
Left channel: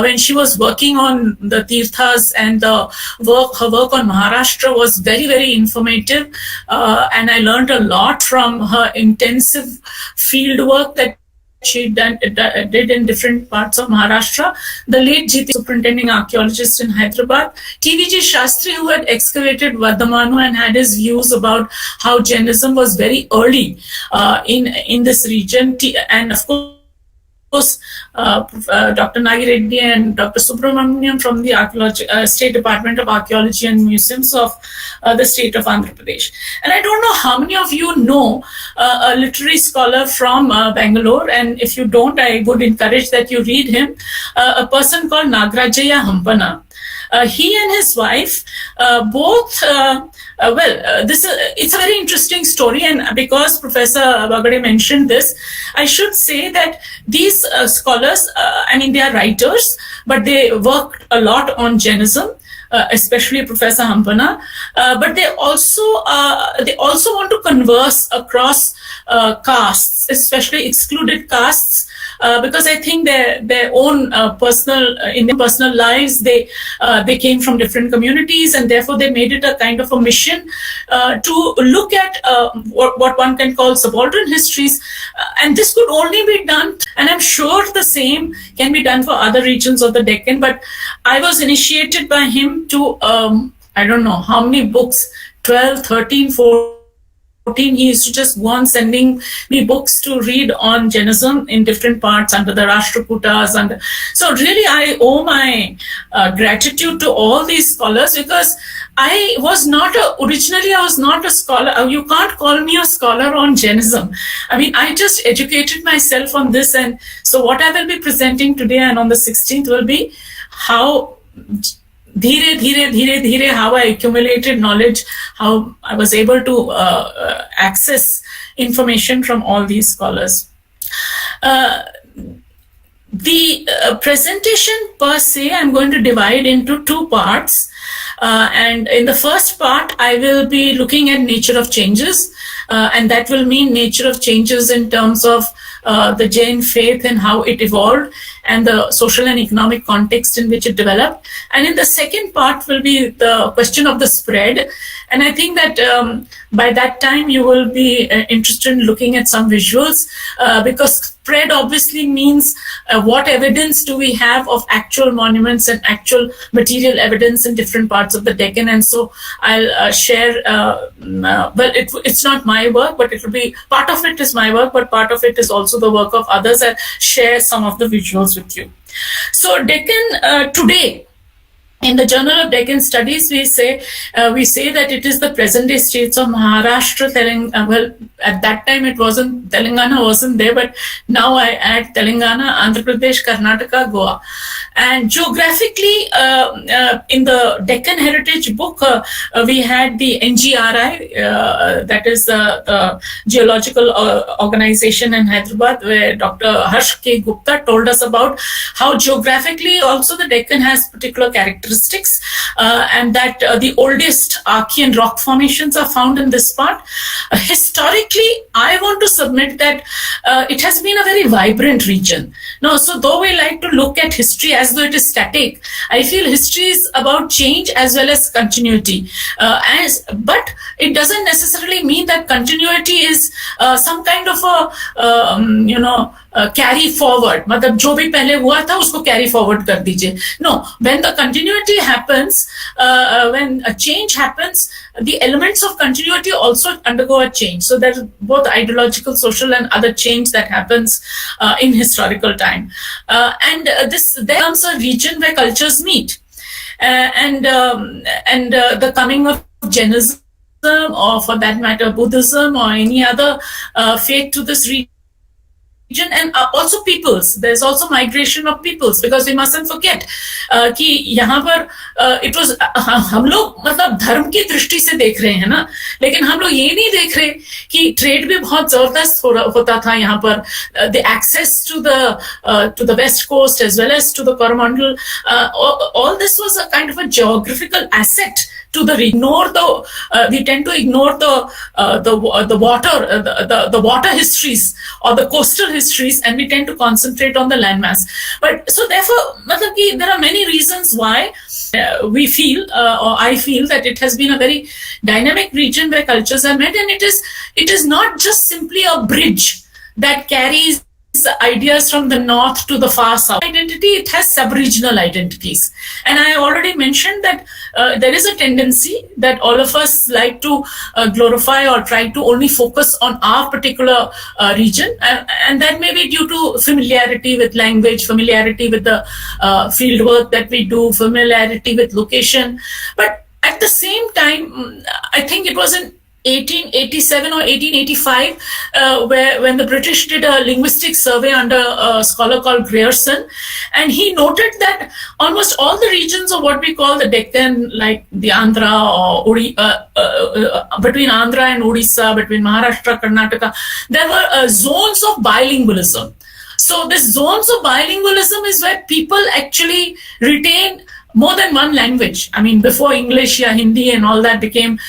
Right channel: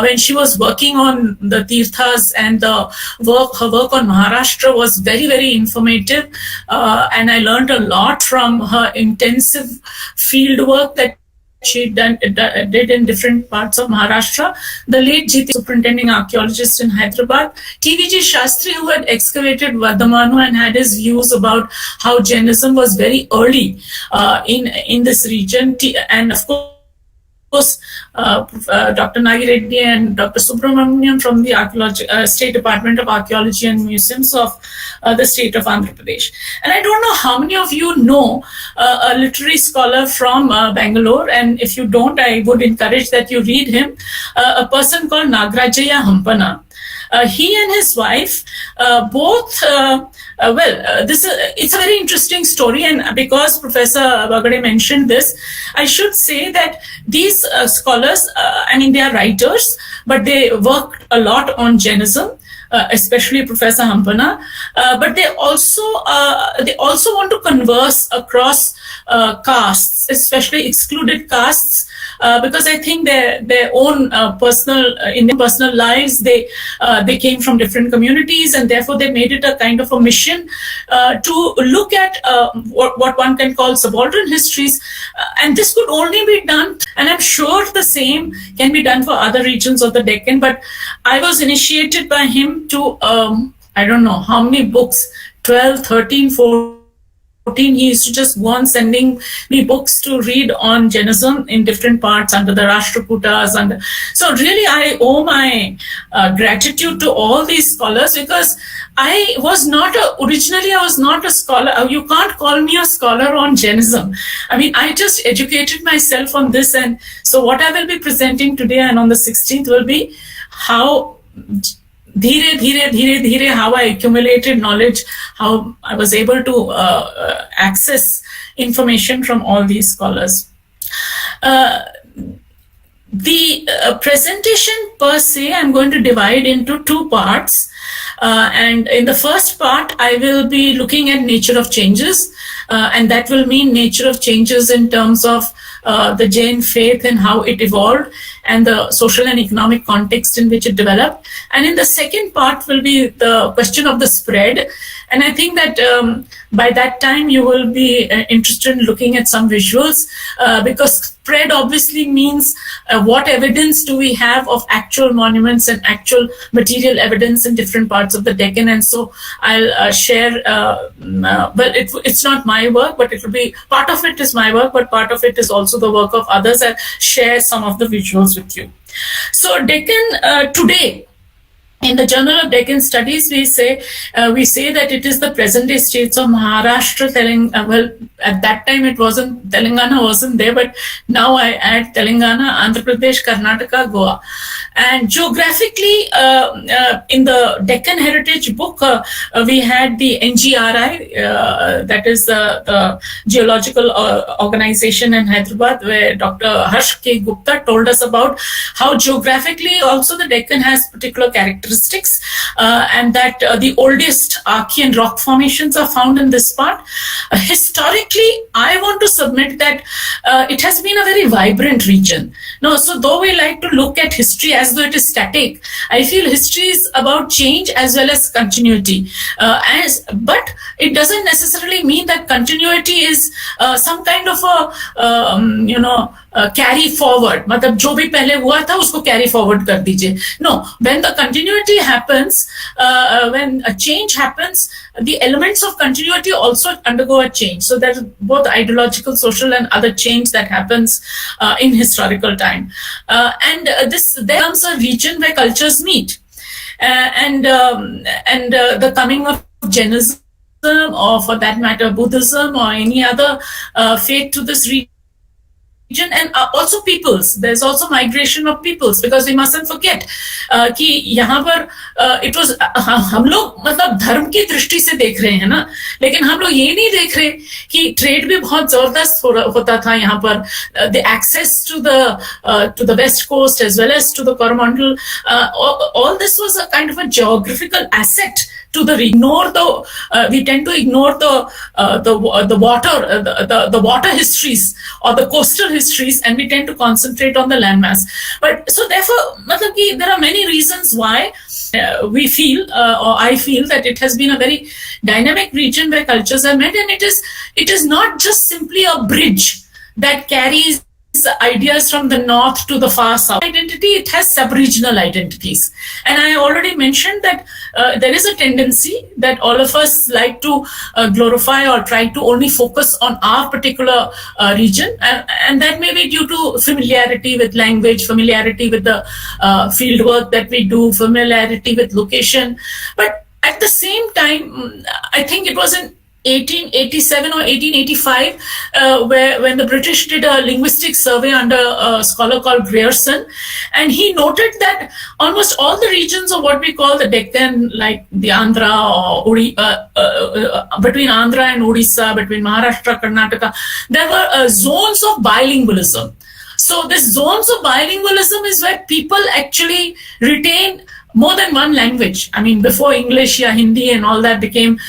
when she was working on the Tirthas and her work on Maharashtra was very, very informative, and I learned a lot from her intensive field work that she did in different parts of Maharashtra. The late Jiti, superintending archaeologist in Hyderabad, T.V.G. Shastri, who had excavated Vardhamanu and had his views about how Jainism was very early in this region, and of course Dr. Nagi Reddy and Dr. Subramaniam from the State Department of Archaeology and Museums of the state of Andhra Pradesh. And I don't know how many of you know a literary scholar from Bangalore, and if you don't, I would encourage that you read him, a person called Nagarajaya Hampana. He and his wife both, it's a very interesting story, and because Professor Bagade mentioned this, I should say that these scholars, they are writers, but they worked a lot on Jainism, especially Professor Hampana, but they also want to converse across castes, especially excluded castes, because I think their own in their personal lives, they came from different communities, and therefore they made it a kind of a mission to look at what one can call subaltern histories, and this could only be done, and I'm sure the same can be done for other regions of the Deccan, but I was initiated by him to I don't know how many books, 12, 13, 14 he used to just go on sending me books to read on Jainism in different parts under the Rashtrakutas. And so really I owe my gratitude to all these scholars, because I was not originally I was not a scholar. You can't call me a scholar on Jainism. I mean, I just educated myself on this. And so what I will be presenting today and on the 16th will be how dhire, how I accumulated knowledge, how I was able to access information from all these scholars. The presentation per se, I'm going to divide into two parts. And in the first part, I will be looking at nature of changes. And that will mean nature of changes in terms of the Jain faith and how it evolved, and the social and economic context in which it developed. And in the second part will be the question of the spread. And I think that by that time you will be interested in looking at some visuals, because spread obviously means what evidence do we have of actual monuments and actual material evidence in different parts of the Deccan. And so I'll share, but it's not my work, but it will be, part of it is my work, but part of it is also the work of others. I'll share some of the visuals with you. So Deccan today, in the Journal of Deccan Studies, we say that it is the present-day states of Maharashtra, Telangana. Well, at that time it wasn't, Telangana wasn't there, but now I add Telangana, Andhra Pradesh, Karnataka, Goa. And geographically, in the Deccan Heritage book, we had the NGRI, that is the Geological Organization in Hyderabad, where Dr. Harsh K. Gupta told us about how geographically also the Deccan has particular characteristics. And that the oldest Archean rock formations are found in this part. Historically, I want to submit that it has been a very vibrant region. No, so though we like to look at history as though it is static, I feel history is about change as well as continuity. But it doesn't necessarily mean that continuity is some kind of a carry forward. मतलब जो भी पहले हुआ था उसको carry forward कर दीजिए. No, when the continuity happens, when a change happens, the elements of continuity also undergo a change. So there's both ideological, social, and other change that happens in historical time. And this becomes a region where cultures meet. And the coming of Jainism, or for that matter, Buddhism, or any other faith to this region, and also peoples. There's also migration of peoples, because we mustn't forget कि यहाँ पर it was हम लोग मतलब धर्म की दृष्टि से देख रहे हैं ना, लेकिन हम लोग ये नहीं देख रहे कि ट्रेड भी बहुत जबरदस्त होता था यहाँ पर. The access to the west coast as well as to the Coromandel, all this was a kind of a geographical asset to the we tend to ignore the water histories or the coastal histories, and we tend to concentrate on the landmass. But so therefore, there are many reasons why we feel, or I feel, that it has been a very dynamic region where cultures are met, and it is not just simply a bridge that carries ideas from the north to the far south. Identity, it has sub-regional identities. And I already mentioned that there is a tendency that all of us like to glorify or try to only focus on our particular region. And that may be due to familiarity with language, familiarity with the field work that we do, familiarity with location. But at the same time, I think it was in 1887 or 1885, when the British did a linguistic survey under a scholar called Grierson, and he noted that almost all the regions of what we call the Deccan, like the Andhra or between Andhra and Odisha, between Maharashtra, Karnataka, there were zones of bilingualism. So this zones of bilingualism is where people actually retain more than one language. I mean, before English, Hindi and all that became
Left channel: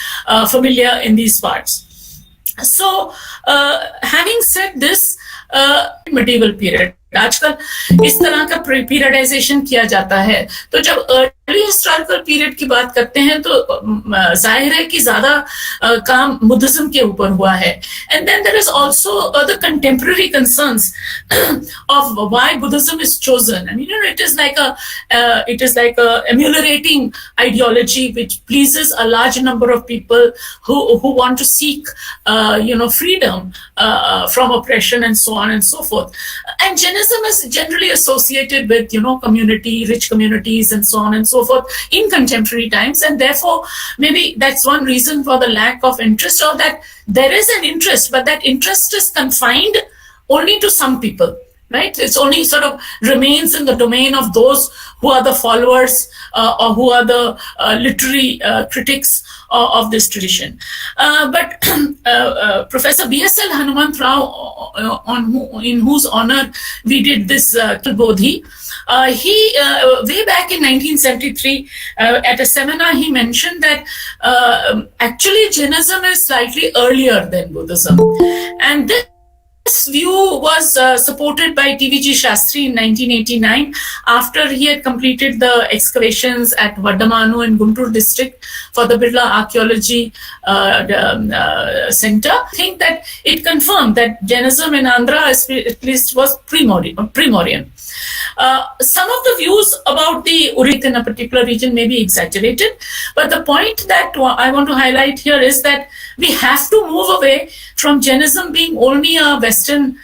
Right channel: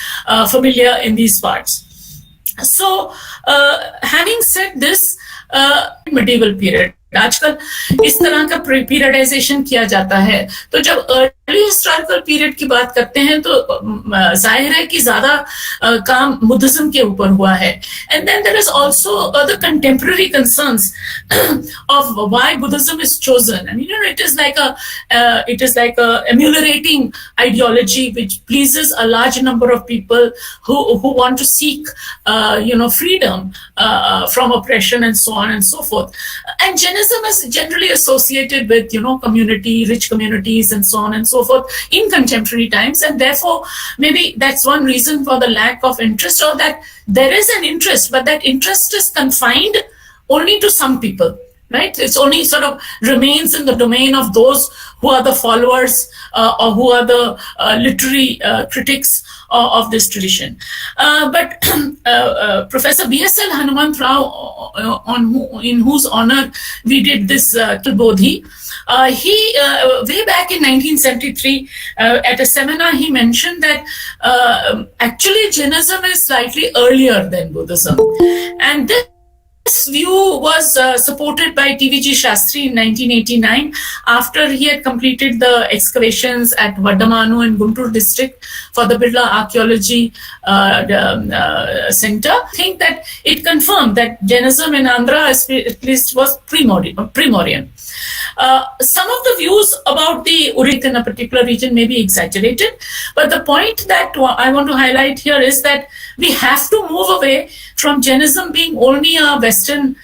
familiar in these parts. So, having said this, medieval period, आजकल इस तरह का periodization किया जाता है. तो जब early historical period की बात करते हैं तो जाहिर है कि ज्यादा काम बुद्धिज्म के ऊपर हुआ है. And then there is also the contemporary concerns of why Buddhism is chosen. And you know it is like a emulating ideology which pleases a large number of people who want to seek freedom from oppression and so on and so forth. And Jainism is generally associated with community, rich communities and so on and so forth in contemporary times, and therefore maybe that's one reason for the lack of interest, or that there is an interest but that interest is confined only to some people, right? It's only sort of remains in the domain of those who are the followers or who are the literary critics of this tradition. But Professor B.S.L. Hanuman Rao, in whose honor we did this Bodhi, he way back in 1973 at a seminar he mentioned that actually Jainism is slightly earlier than Buddhism, and this view was supported by T.V.G. Shastri in 1989 after he had completed the excavations at Vadamanu in Guntur district for the Birla Archaeology Center. I think that it confirmed that Jainism in Andhra at least was primordial. Some of the views about the Urit in a particular region may be exaggerated, but the point that I want to highlight here is that we have to move away from Jainism being only a Western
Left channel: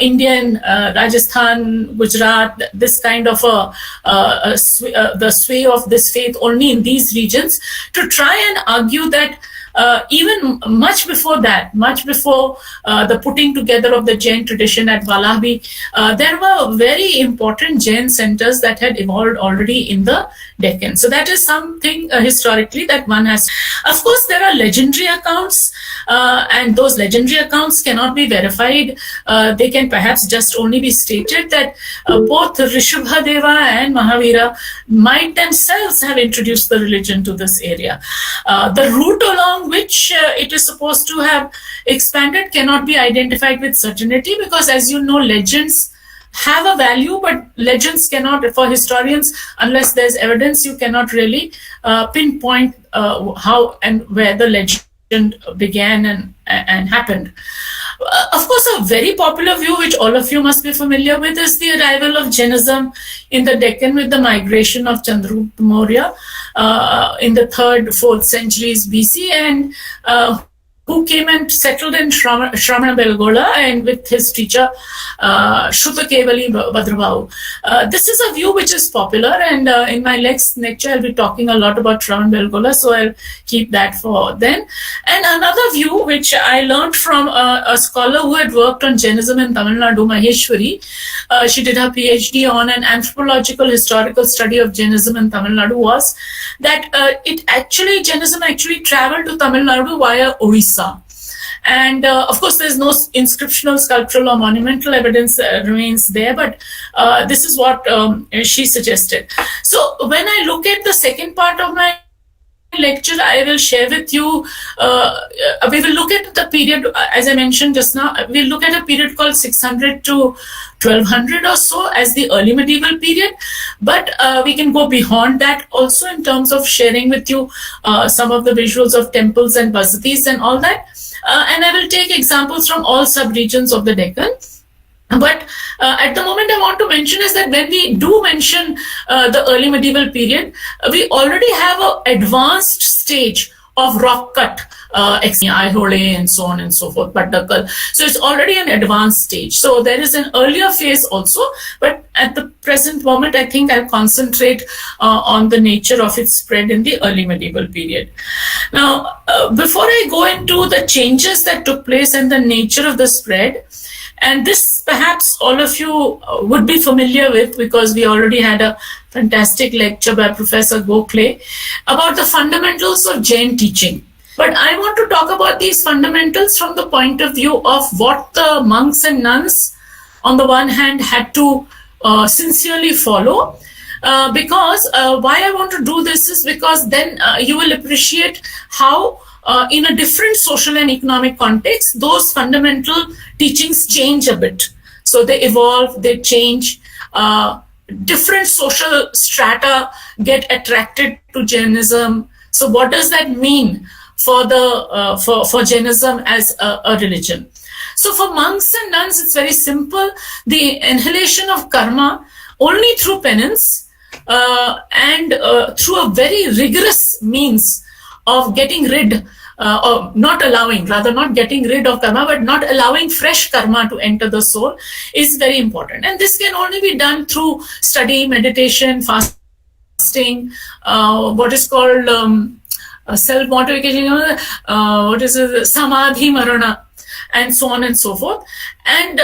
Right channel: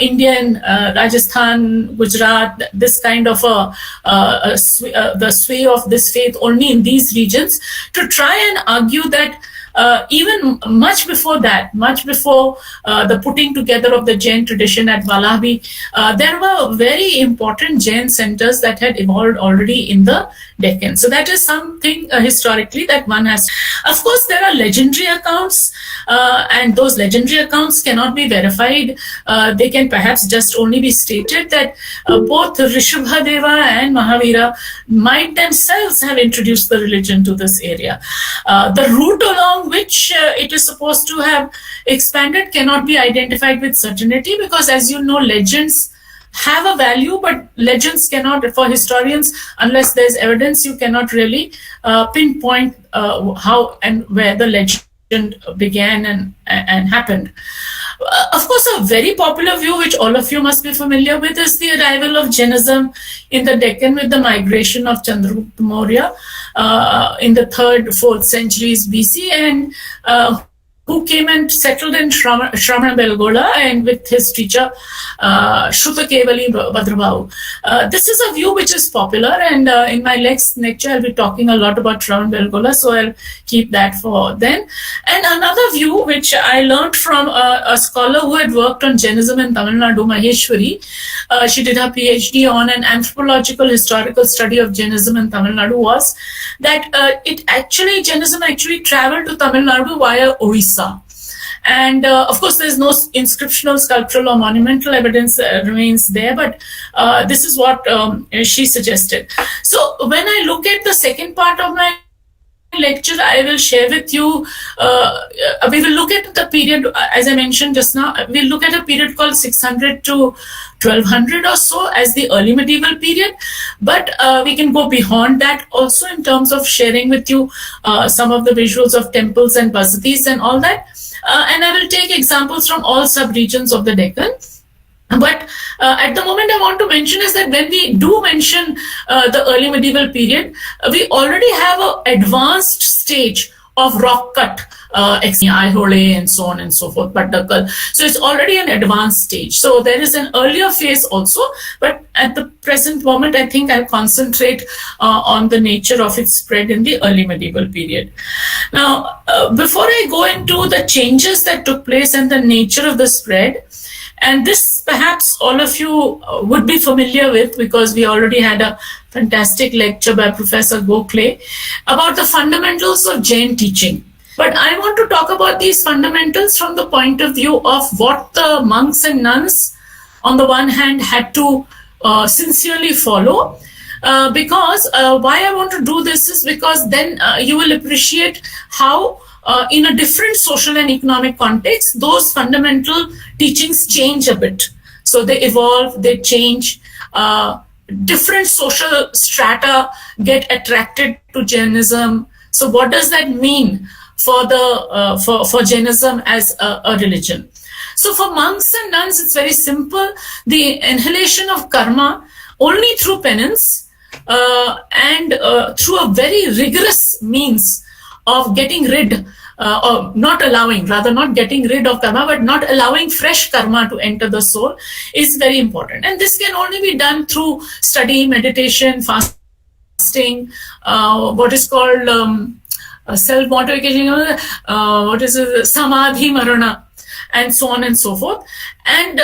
Indian, Rajasthan, Gujarat, this kind of the sway of this faith only in these regions, to try and argue that even much before that, much before the putting together of the Jain tradition at Vallabhi, there were very important Jain centers that had evolved already in the Deccan. So that is something historically that one has. Of course, there are legendary accounts, and those legendary accounts cannot be verified. They can perhaps just only be stated that both Rishabhadeva and Mahavira might themselves have introduced the religion to this area. The route along which it is supposed to have expanded cannot be identified with certainty, because as you know, legends have a value, but legends cannot, for historians, unless there's evidence, you cannot really pinpoint how and where the legend began and happened. Of course, a very popular view, which all of you must be familiar with, is the arrival of Jainism in the Deccan with the migration of Chandragupta Maurya in the 3rd, 4th centuries BC, and who came and settled in Shramana Belgola, and with his teacher Shrutakevali Bhadrabhahu. This is a view which is popular, and in my next lecture I'll be talking a lot about Shramana Belgola, so I'll keep that for then. And another view which I learned from a scholar who had worked on Jainism in Tamil Nadu, Maheshwari. She did her PhD on an anthropological historical study of Jainism in Tamil Nadu, was that Jainism actually traveled to Tamil Nadu via Orissa. And of course, there's no inscriptional, sculptural, or monumental evidence remains there, but this is what she suggested. So when I look at the second part of my lecture, I will share with you, we will look at the period, as I mentioned just now, we'll look at a period called 600 to 1200 or so as the early medieval period, but we can go beyond that also in terms of sharing with you some of the visuals of temples and basatis and all that. And I will take examples from all sub-regions of the Deccan. But at the moment I want to mention is that when we do mention the early medieval period, we already have an advanced stage of rock cut, Aihole and so on and so forth, Paddakal. So it's already an advanced stage. So there is an earlier phase also, but at the present moment, I think I'll concentrate on the nature of its spread in the early medieval period. Now, before I go into the changes that took place and the nature of the spread, and this perhaps all of you would be familiar with, because we already had a fantastic lecture by Professor Gokhale about the fundamentals of Jain teaching. But I want to talk about these fundamentals from the point of view of what the monks and nuns, on the one hand, had to sincerely follow. Because why I want to do this is because then you will appreciate how in a different social and economic context, those fundamental teachings change a bit. So they evolve, they change, different social strata get attracted to Jainism. So what does that mean for for Jainism as a religion? So for monks and nuns, it's very simple. The inhalation of karma only through penance and through a very rigorous means of getting rid or not getting rid of karma, but not allowing fresh karma to enter the soul is very important. And this can only be done through study, meditation, fasting, what is called self-mortification, what is it, samadhi marana, and so on and so forth. And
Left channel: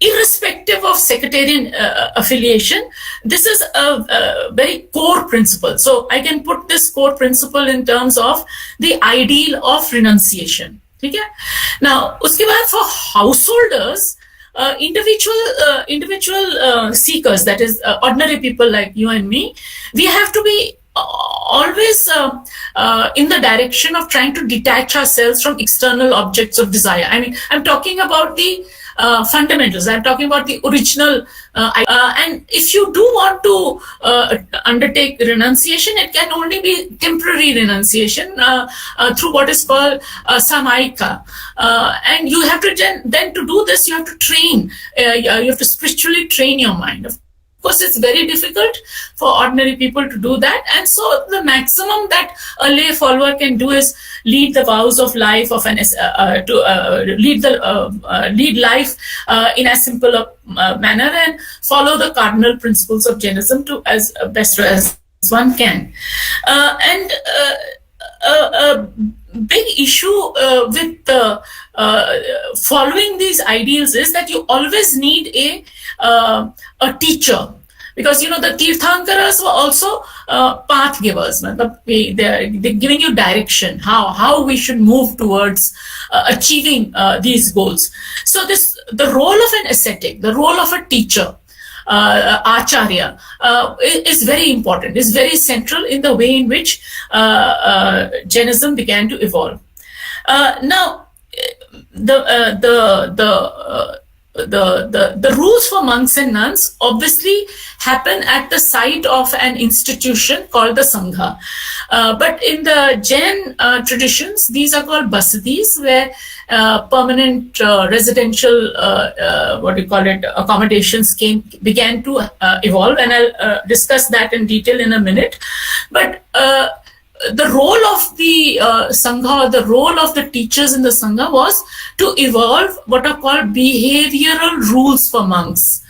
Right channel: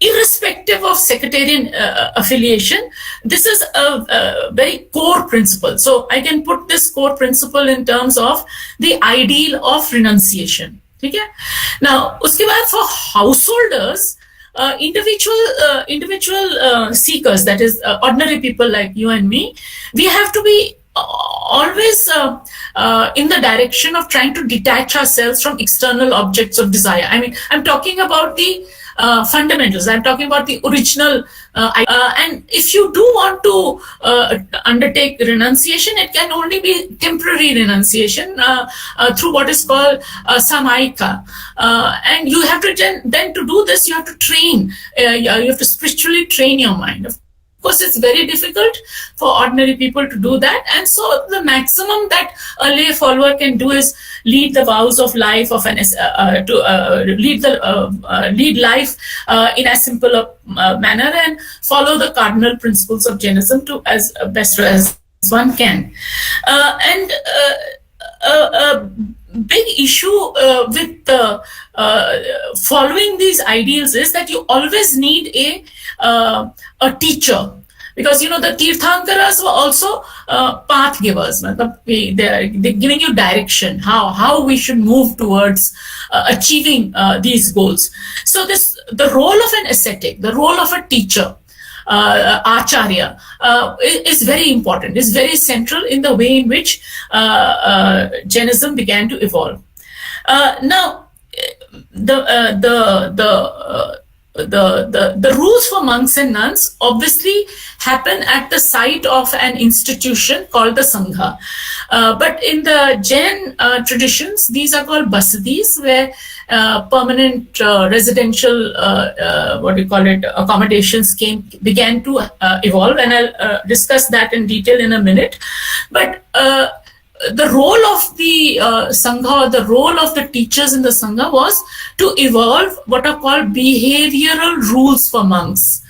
irrespective of sectarian affiliation, this is a very core principle. So I can put this core principle in terms of the ideal of renunciation. Okay? Now, uske baad for householders, individual seekers, that is ordinary people like you and me, we have to be always in the direction of trying to detach ourselves from external objects of desire. I mean, I'm talking about the fundamentals. I'm talking about the original. And if you do want to undertake renunciation, it can only be temporary renunciation through what is called samaika. And you have to then to do this, you have to train. You have to spiritually train your mind. Of course, it's very difficult for ordinary people to do that. And so the maximum that a lay follower can do is lead the vows of life of lead life in as simple a manner and follow the cardinal principles of Jainism to as best as one can. And a big issue with following these ideals is that you always need a teacher, because the Tirthankaras were also path givers. They're giving you direction how we should move towards achieving these goals. So the role of an ascetic, the role of a teacher, acharya, is very important, is very central in the way in which Jainism began to evolve. Now, the rules for monks and nuns obviously happen at the site of an institution called the Sangha. But in the Jain traditions, these are called basadis, where permanent residential, accommodations began to evolve. And I'll discuss that in detail in a minute. But the role of the Sangha, or the role of the teachers in the Sangha, was to evolve what are called behavioral rules for monks.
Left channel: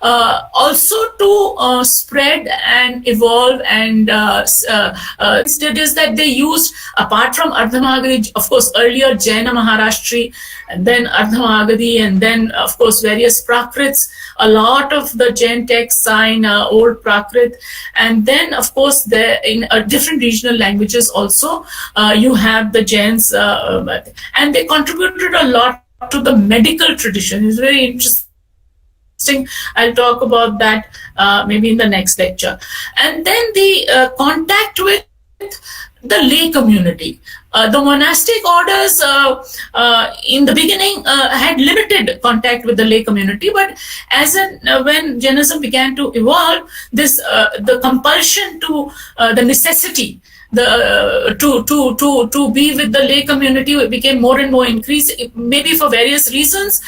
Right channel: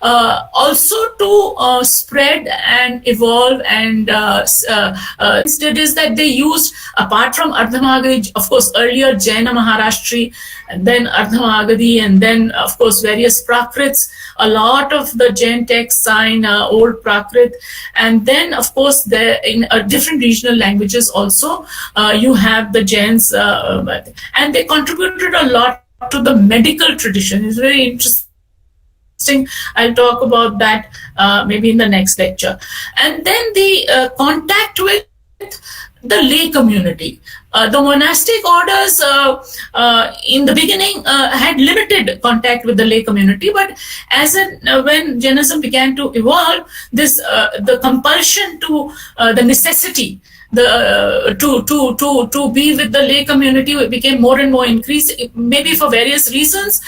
Also to spread and evolve and instead is that they used, apart from Ardhamagadi, of course, earlier Jaina Maharashtri, and then Ardhamagadi, and then, of course, various Prakrits. A lot of the Jain texts are in old Prakrit. And then, of course, in different regional languages also, you have the Jains, and they contributed a lot to the medical tradition. It's very interesting. I'll talk about that maybe in the next lecture. And then the contact with the lay community. The monastic orders in the beginning had limited contact with the lay community, but when Jainism began to evolve, the compulsion to the necessity to be with the lay community became more and more increased, maybe for various reasons,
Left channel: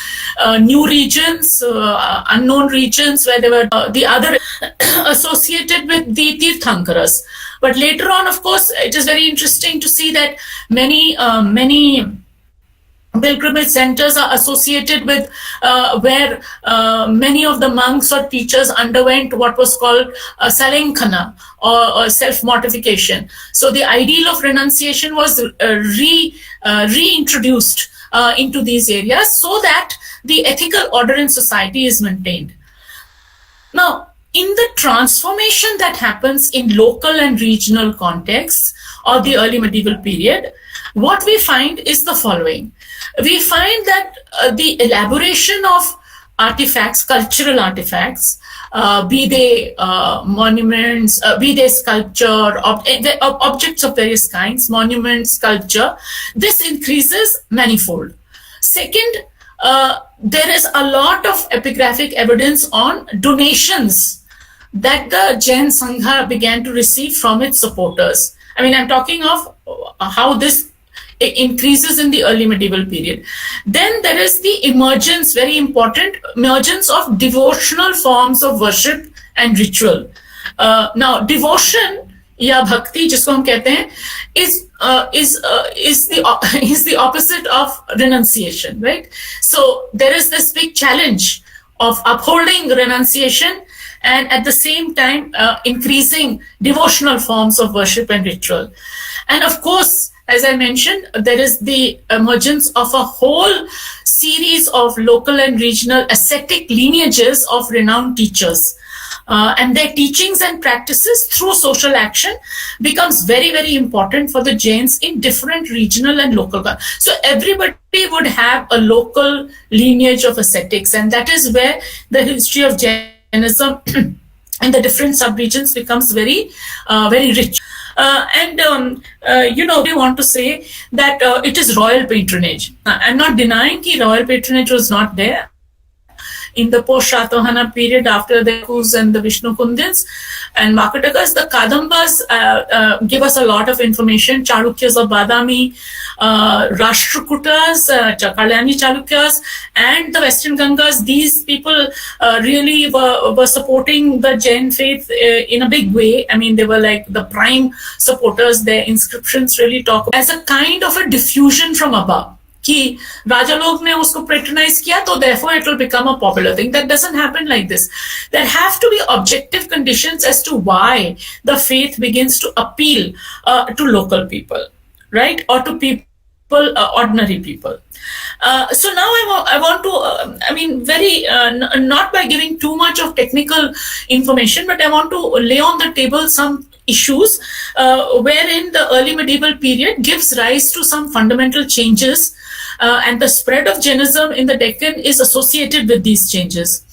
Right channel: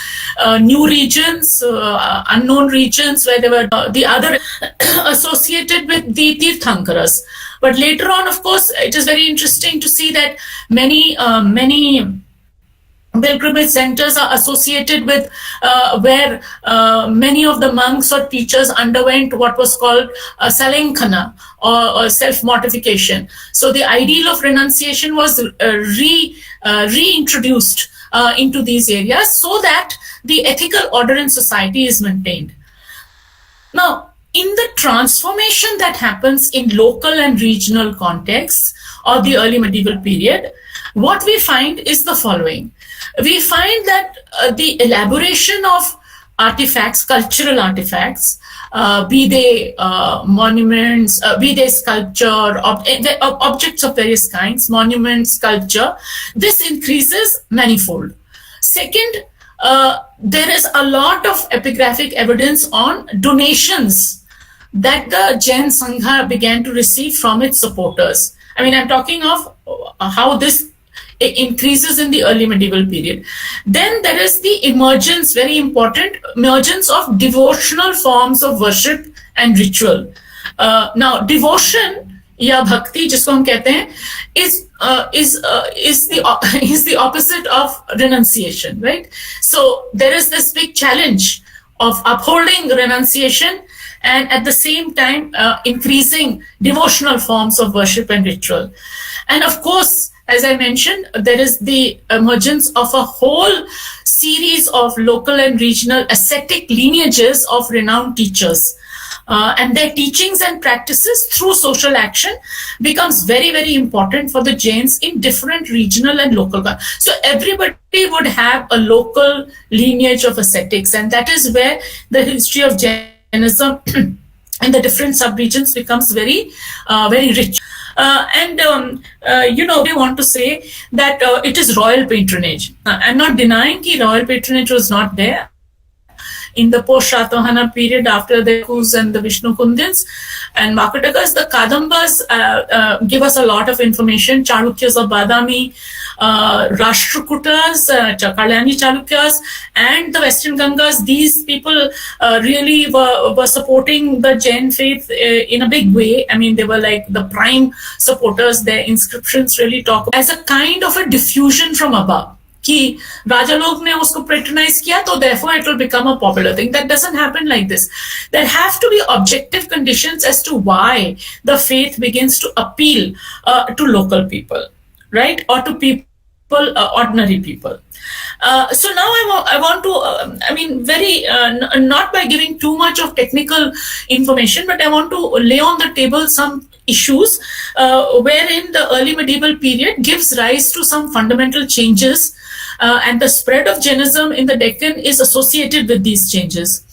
new regions, unknown regions, where there were the other associated with the Tirthankaras. But later on, of course, it is very interesting to see that many pilgrimage centers are associated with where many of the monks or teachers underwent what was called salenkhana, or self-mortification. So the ideal of renunciation was reintroduced into these areas so that the ethical order in society is maintained. Now, in the transformation that happens in local and regional contexts or the early medieval period, what we find is the following. We find that the elaboration of artifacts, cultural artifacts, be they monuments, be they sculpture, objects of various kinds, monuments, sculpture, this increases manifold. Second, there is a lot of epigraphic evidence on donations that the Jain Sangha began to receive from its supporters. I mean, I'm talking of how this increases in the early medieval period. Then there is the emergence, very important, emergence of devotional forms of worship and ritual. Now, devotion या भक्ति जिसको हम कहते हैं is the opposite of renunciation, right? So there is this big challenge of upholding renunciation and at the same time increasing devotional forms of worship and ritual. And of course, as I mentioned, there is the emergence of a whole series of local and regional ascetic lineages of renowned teachers. And their teachings and practices through social action becomes very, very important for the Jains in different regional and local. So everybody would have a local lineage of ascetics, and that is where the history of Jainism in the different subregions becomes very, very rich. We want to say that it is royal patronage. I'm not denying that royal patronage was not there. In the post-Shatavahana period, after the Kus and the Vishnu Kundins and Makatakas, the Kadambas give us a lot of information. Chalukyas of Badami, Rashtrakutas, Kalyani Chalukyas, and the Western Gangas, these people really were supporting the Jain faith in a big way. I mean, they were like the prime supporters. Their inscriptions really talk as a kind of a diffusion from above. कि राजा लोग ने उसको patronize किया, तो therefore it will become a popular thing. That doesn't happen like this. There have to be objective conditions as to why the faith begins to appeal to local people, right? Or to people, ordinary people. So now I want to, not by giving too much of technical information, but I want to lay on the table some issues wherein the early medieval period gives rise to some fundamental changes. And the spread of Jainism in the Deccan is associated with these changes.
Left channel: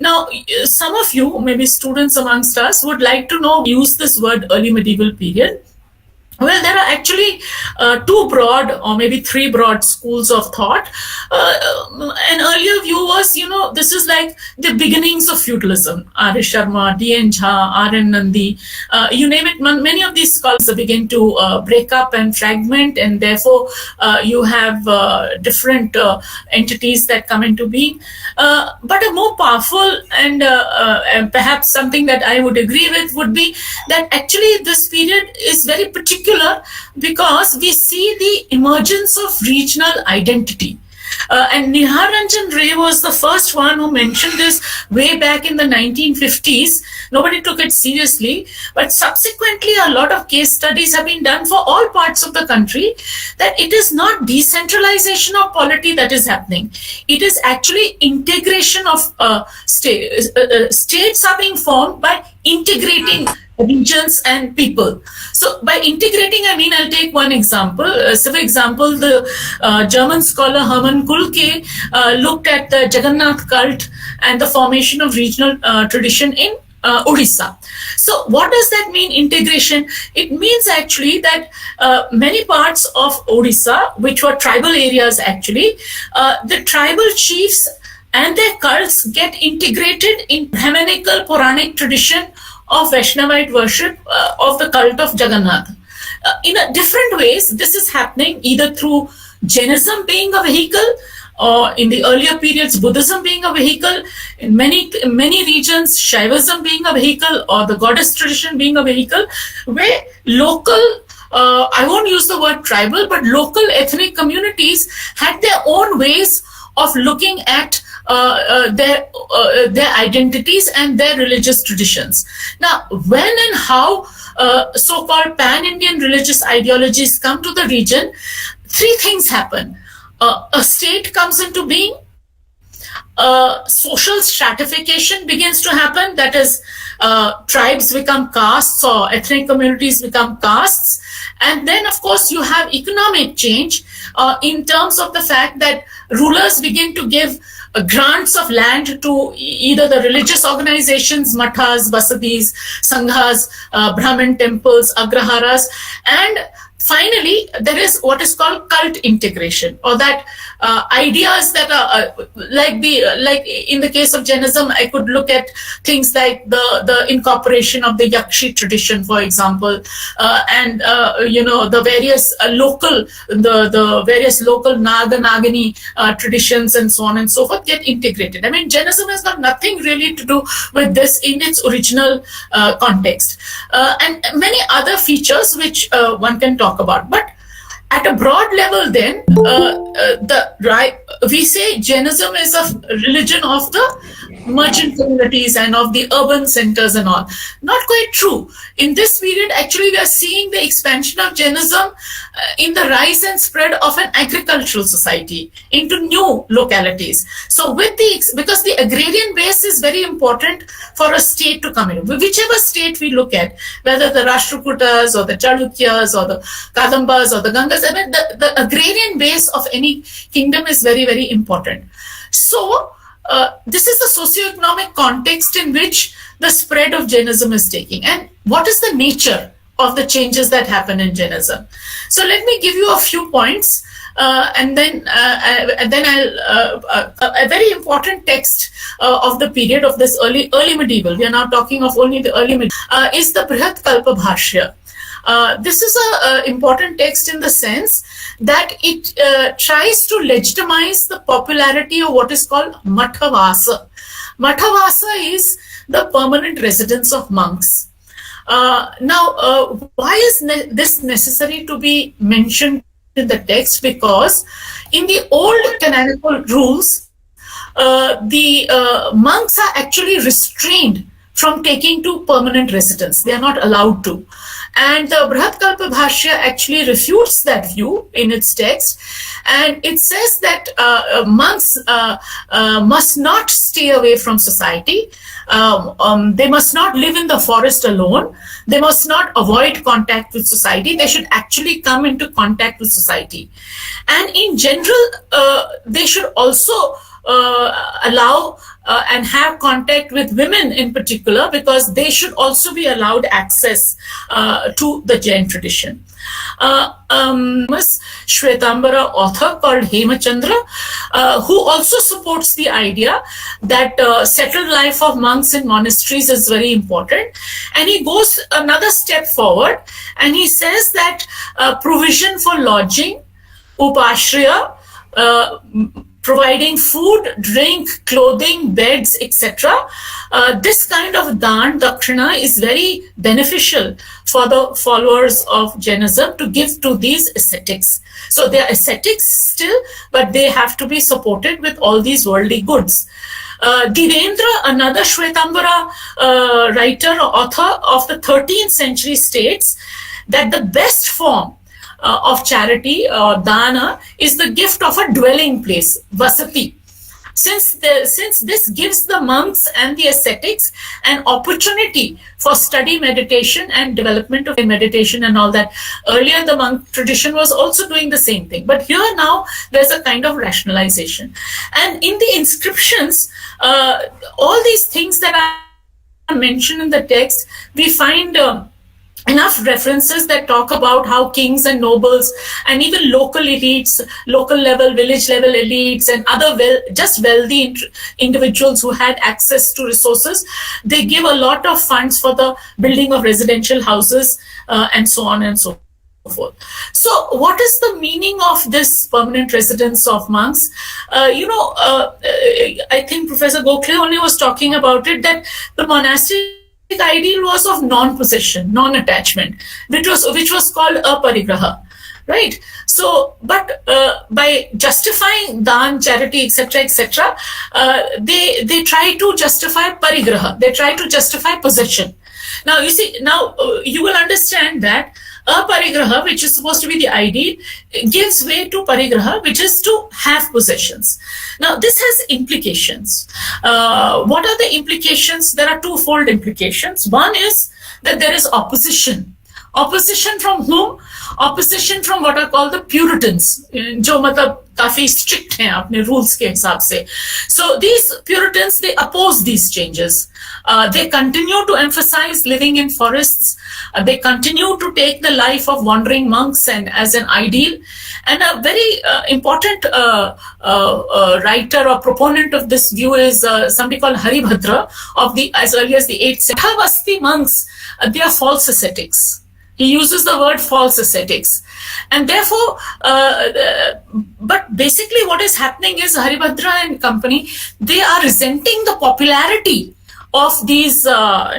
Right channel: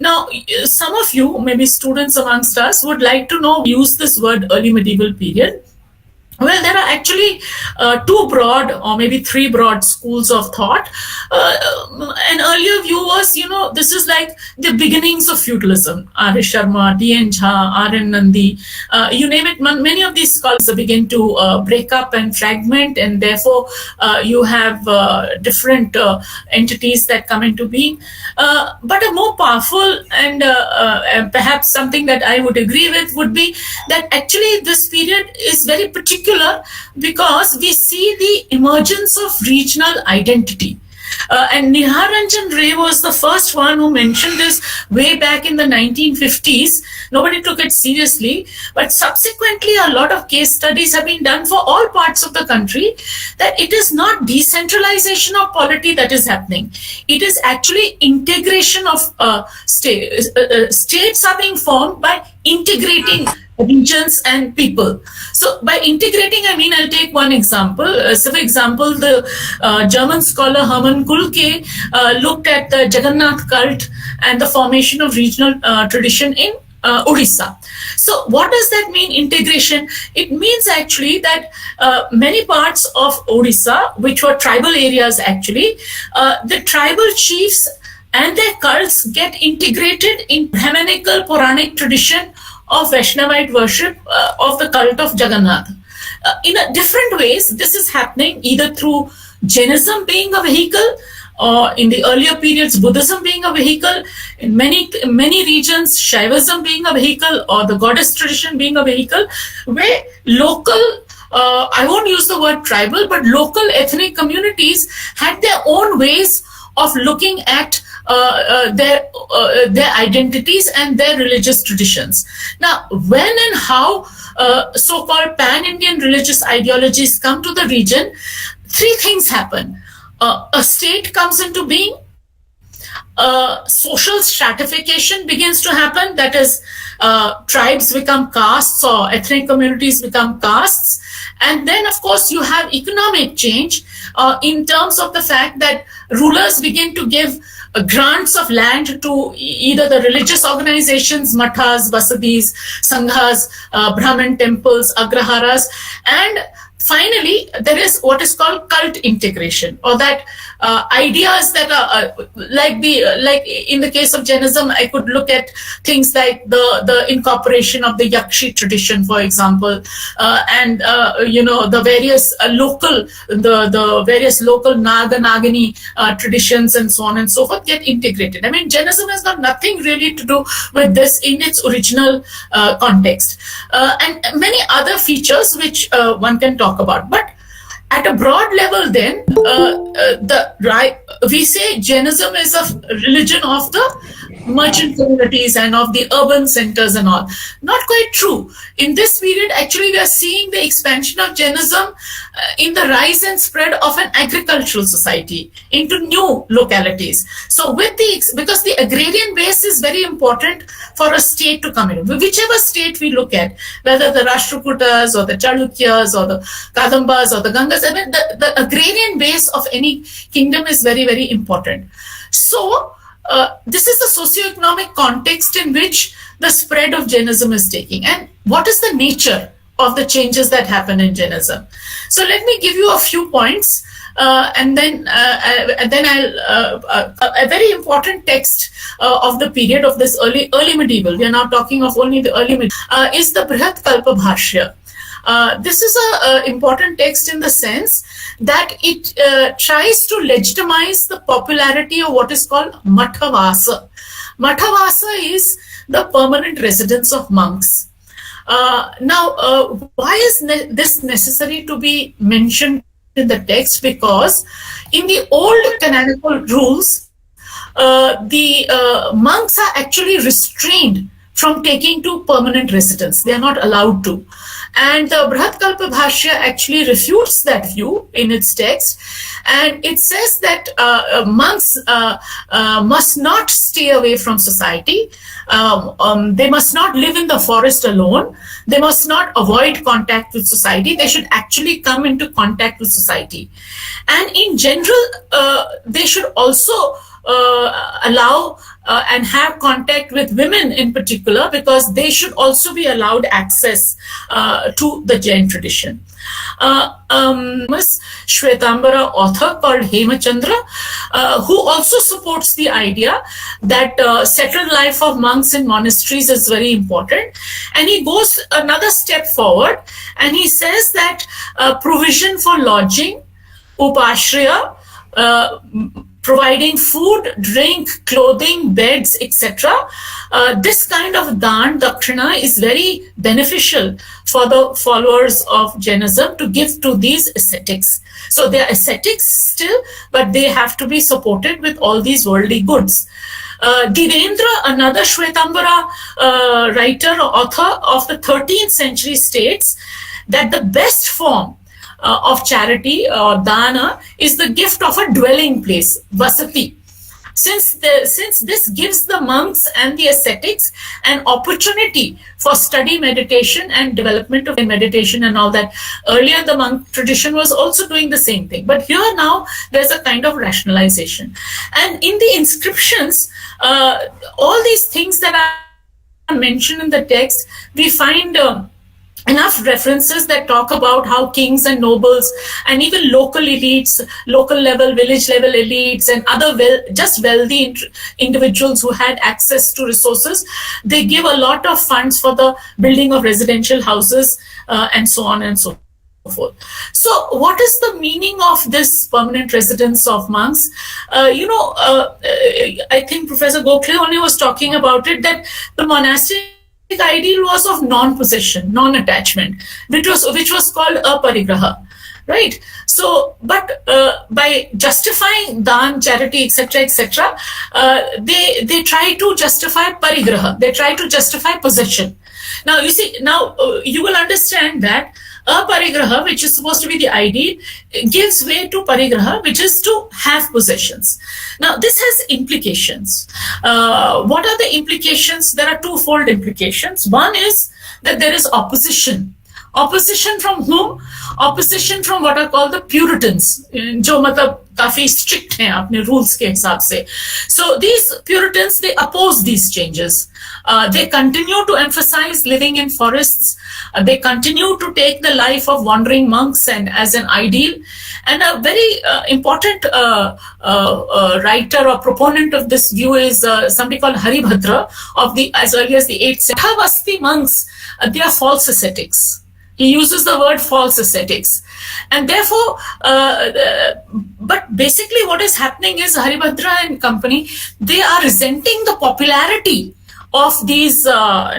Now, some of you, maybe students amongst us, would like to know, use this word early medieval period. Well, there are actually two broad or maybe three broad schools of thought. An earlier view was, this is like the beginnings of feudalism. R. Sharma, D.N. Jha, R.N. Nandi, you name it. Many of these scholars begin to break up and fragment, and therefore you have different entities that come into being. But a more powerful and perhaps something that I would agree with would be that actually this period is very particular because we see the emergence of regional identity. And Nihar Ranjan Ray was the first one who mentioned this way back in the 1950s. Nobody took it seriously, but subsequently a lot of case studies have been done for all parts of the country that it is not decentralization of polity that is happening. It is actually integration of states. States are being formed by integrating regions and people. So by integrating, I mean, I'll take one example. So for example, the German scholar Hermann Kulke looked at the Jagannath cult and the formation of regional tradition in Odisha. So what does that mean, integration? It means actually that many parts of Odisha, which were tribal areas actually, the tribal chiefs and their cults get integrated in Brahmanical Puranic tradition of Vaishnavite worship of the cult of Jagannath. In different ways, this is happening either through Jainism being a vehicle, or in the earlier periods, Buddhism being a vehicle, in many regions, Shaivism being a vehicle, or the goddess tradition being a vehicle, where local, I won't use the word tribal, but local ethnic communities had their own ways of looking at their identities and their religious traditions. Now, when and how so-called pan-Indian religious ideologies come to the region, three things happen. A state comes into being, social stratification begins to happen, that is, tribes become castes or ethnic communities become castes, and then of course you have economic change in terms of the fact that rulers begin to give grants of land to either the religious organizations, mathas, basadis, sanghas, Brahmin temples, agraharas, and finally there is what is called cult integration, or that ideas that are like in the case of Jainism, I could look at things like the incorporation of the Yakshi tradition, for example, and the various local Naga Nagini traditions and so on and so forth get integrated. I mean, Jainism has got nothing really to do with this in its original context, and many other features which one can talk about. But at a broad level, then, we say Jainism is a religion of the merchant communities and of the urban centers and all. Not quite true. In this period, actually, we are seeing the expansion of Jainism in the rise and spread of an agricultural society into new localities. So because the agrarian base is very important for a state to come in. Whichever state we look at, whether the Rashtrakutas or the Chalukyas or the Kadambas or the Gangas, I mean, the agrarian base of any kingdom is very, very important. So, this is the socioeconomic context in which the spread of Jainism is taking. And what is the nature of the changes that happen in Jainism? So let me give you a few points, and then I'll a very important text of the period of this early medieval. We are now talking of only the early medieval. Is the Brihat Kalpa Bhashya. This is an important text in the sense that it tries to legitimize the popularity of what is called Mathavasa. Mathavasa is the permanent residence of monks. Now, why is this necessary to be mentioned in the text? Because in the old canonical rules, the monks are actually restrained from taking to permanent residence. They are not allowed to. And the Brihatkalpa Bhashya actually refutes that view in its text. And it says that monks must not stay away from society. They must not live in the forest alone. They must not avoid contact with society. They should actually come into contact with society. And in general, they should also allow and have contact with women in particular, because they should also be allowed access to the Jain tradition. Shvetambara author called Hemachandra, who also supports the idea that settled life of monks in monasteries is very important. And he goes another step forward and he says that provision for lodging, upashriya, providing food, drink, clothing, beds, etc. This kind of dan, dakshina, is very beneficial for the followers of Jainism to give to these ascetics. So they are ascetics still, but they have to be supported with all these worldly goods. Dhirendra, another Shvetambara writer or author of the 13th century, states that the best form of charity or dana is the gift of a dwelling place, vasati. Since this gives the monks and the ascetics an opportunity for study, meditation, and development of meditation and all that. Earlier, the monk tradition was also doing the same thing. But here now, there's a kind of rationalization. And in the inscriptions, all these things that are mentioned in the text, we find enough references that talk about how kings and nobles and even local elites, local level, village level elites and other just wealthy individuals who had access to resources, they give a lot of funds for the building of residential houses and so on and so forth. So what is the meaning of this permanent residence of monks? I think Professor Gokhale only was talking about it, that the monastic ideal was of non-possession, non-attachment, which was called aparigraha, right? So, but by justifying dan, charity, etc., they try to justify parigraha. They try to justify possession. Now, you see, you will understand that aparigraha, which is supposed to be the ideal, gives way to parigraha, which is to have possessions. Now, this has implications. What are the implications? There are twofold implications. One is that there is opposition Opposition from whom? Opposition from what are called the Puritans, जो मतलब काफी strict हैं अपने rules के हिसाब से. So these Puritans, they oppose these changes. They continue to emphasize living in forests. They continue to take the life of wandering monks and as an ideal. And a very important writer or proponent of this view is somebody called Haribhadra of the as early as the 8th century. Mathavasti monks, they are false ascetics. He uses the word false ascetics. And therefore, but basically what is happening is Haribhadra and company, they are resenting the popularity of these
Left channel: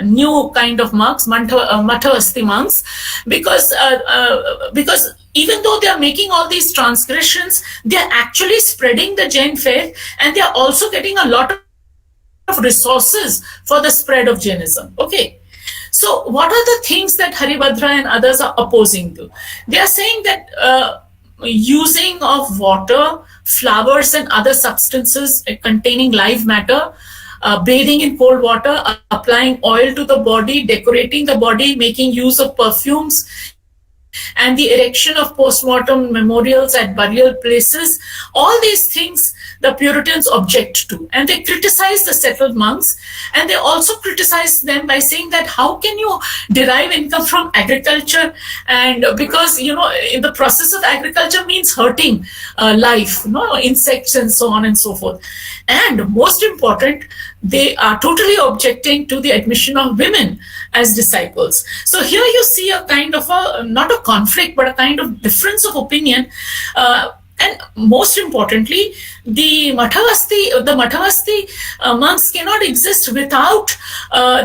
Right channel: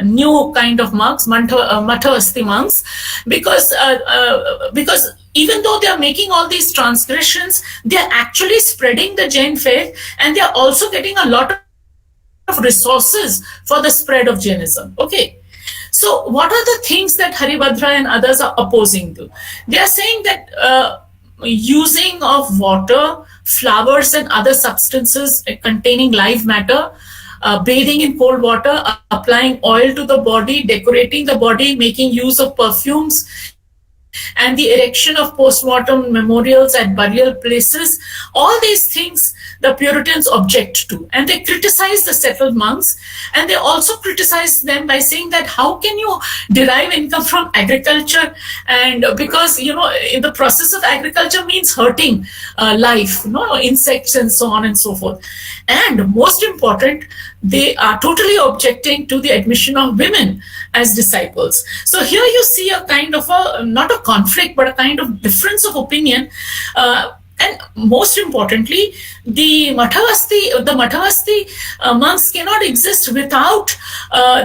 new kind of monks, Mathavasti monks, because even though they are making all these transgressions, they are actually spreading the Jain faith, and they are also getting a lot of resources for the spread of Jainism. Okay. So what are the things that Haribhadra and others are opposing to? They are saying that using of water, flowers and other substances containing live matter, bathing in cold water, applying oil to the body, decorating the body, making use of perfumes, and the erection of post-mortem memorials at burial places, all these things the Puritans object to, and they criticize the settled monks, and they also criticize them by saying that how can you derive income from agriculture, and because in the process of agriculture means hurting life, insects and so on and so forth. And most important, they are totally objecting to the admission of women as disciples. So here you see a kind of not a conflict, but a kind of difference of opinion. And most importantly, the Mathavasti monks cannot exist without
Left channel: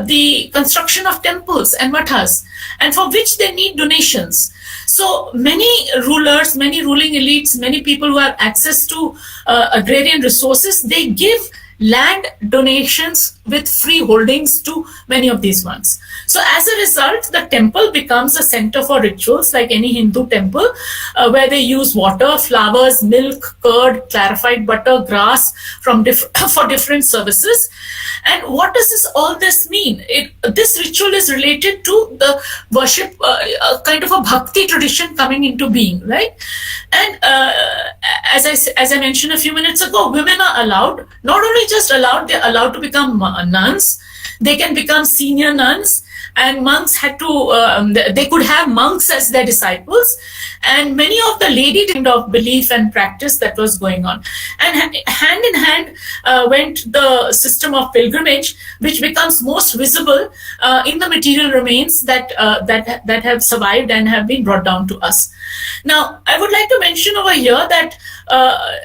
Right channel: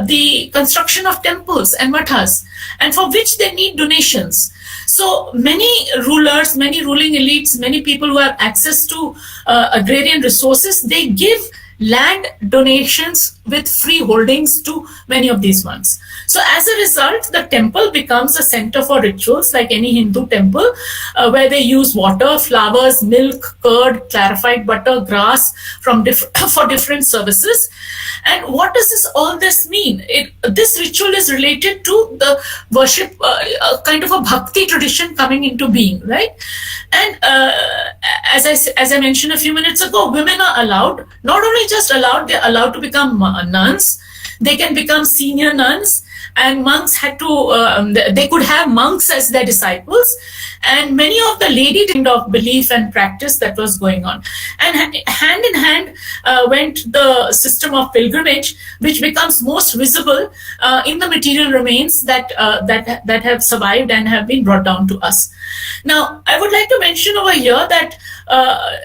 the construction of temples and mathas, and for which they need donations. So many rulers, many ruling elites, many people who have access to agrarian resources, they give land donations with free holdings to many of these monks. So as a result, the temple becomes a center for rituals like any Hindu temple, where they use water, flowers, milk, curd, clarified butter, grass for different services. And what does all this mean? This ritual is related to the worship, kind of a bhakti tradition coming into being, right? And as I mentioned a few minutes ago, women are allowed, not only just allowed, they're allowed to become nuns. They can become senior nuns, and monks had to, they could have monks as their disciples, and many of the lady kind of belief and practice that was going on. And hand in hand went the system of pilgrimage, which becomes most visible in the material remains that have survived and have been brought down to us. Now, I would like to mention over here that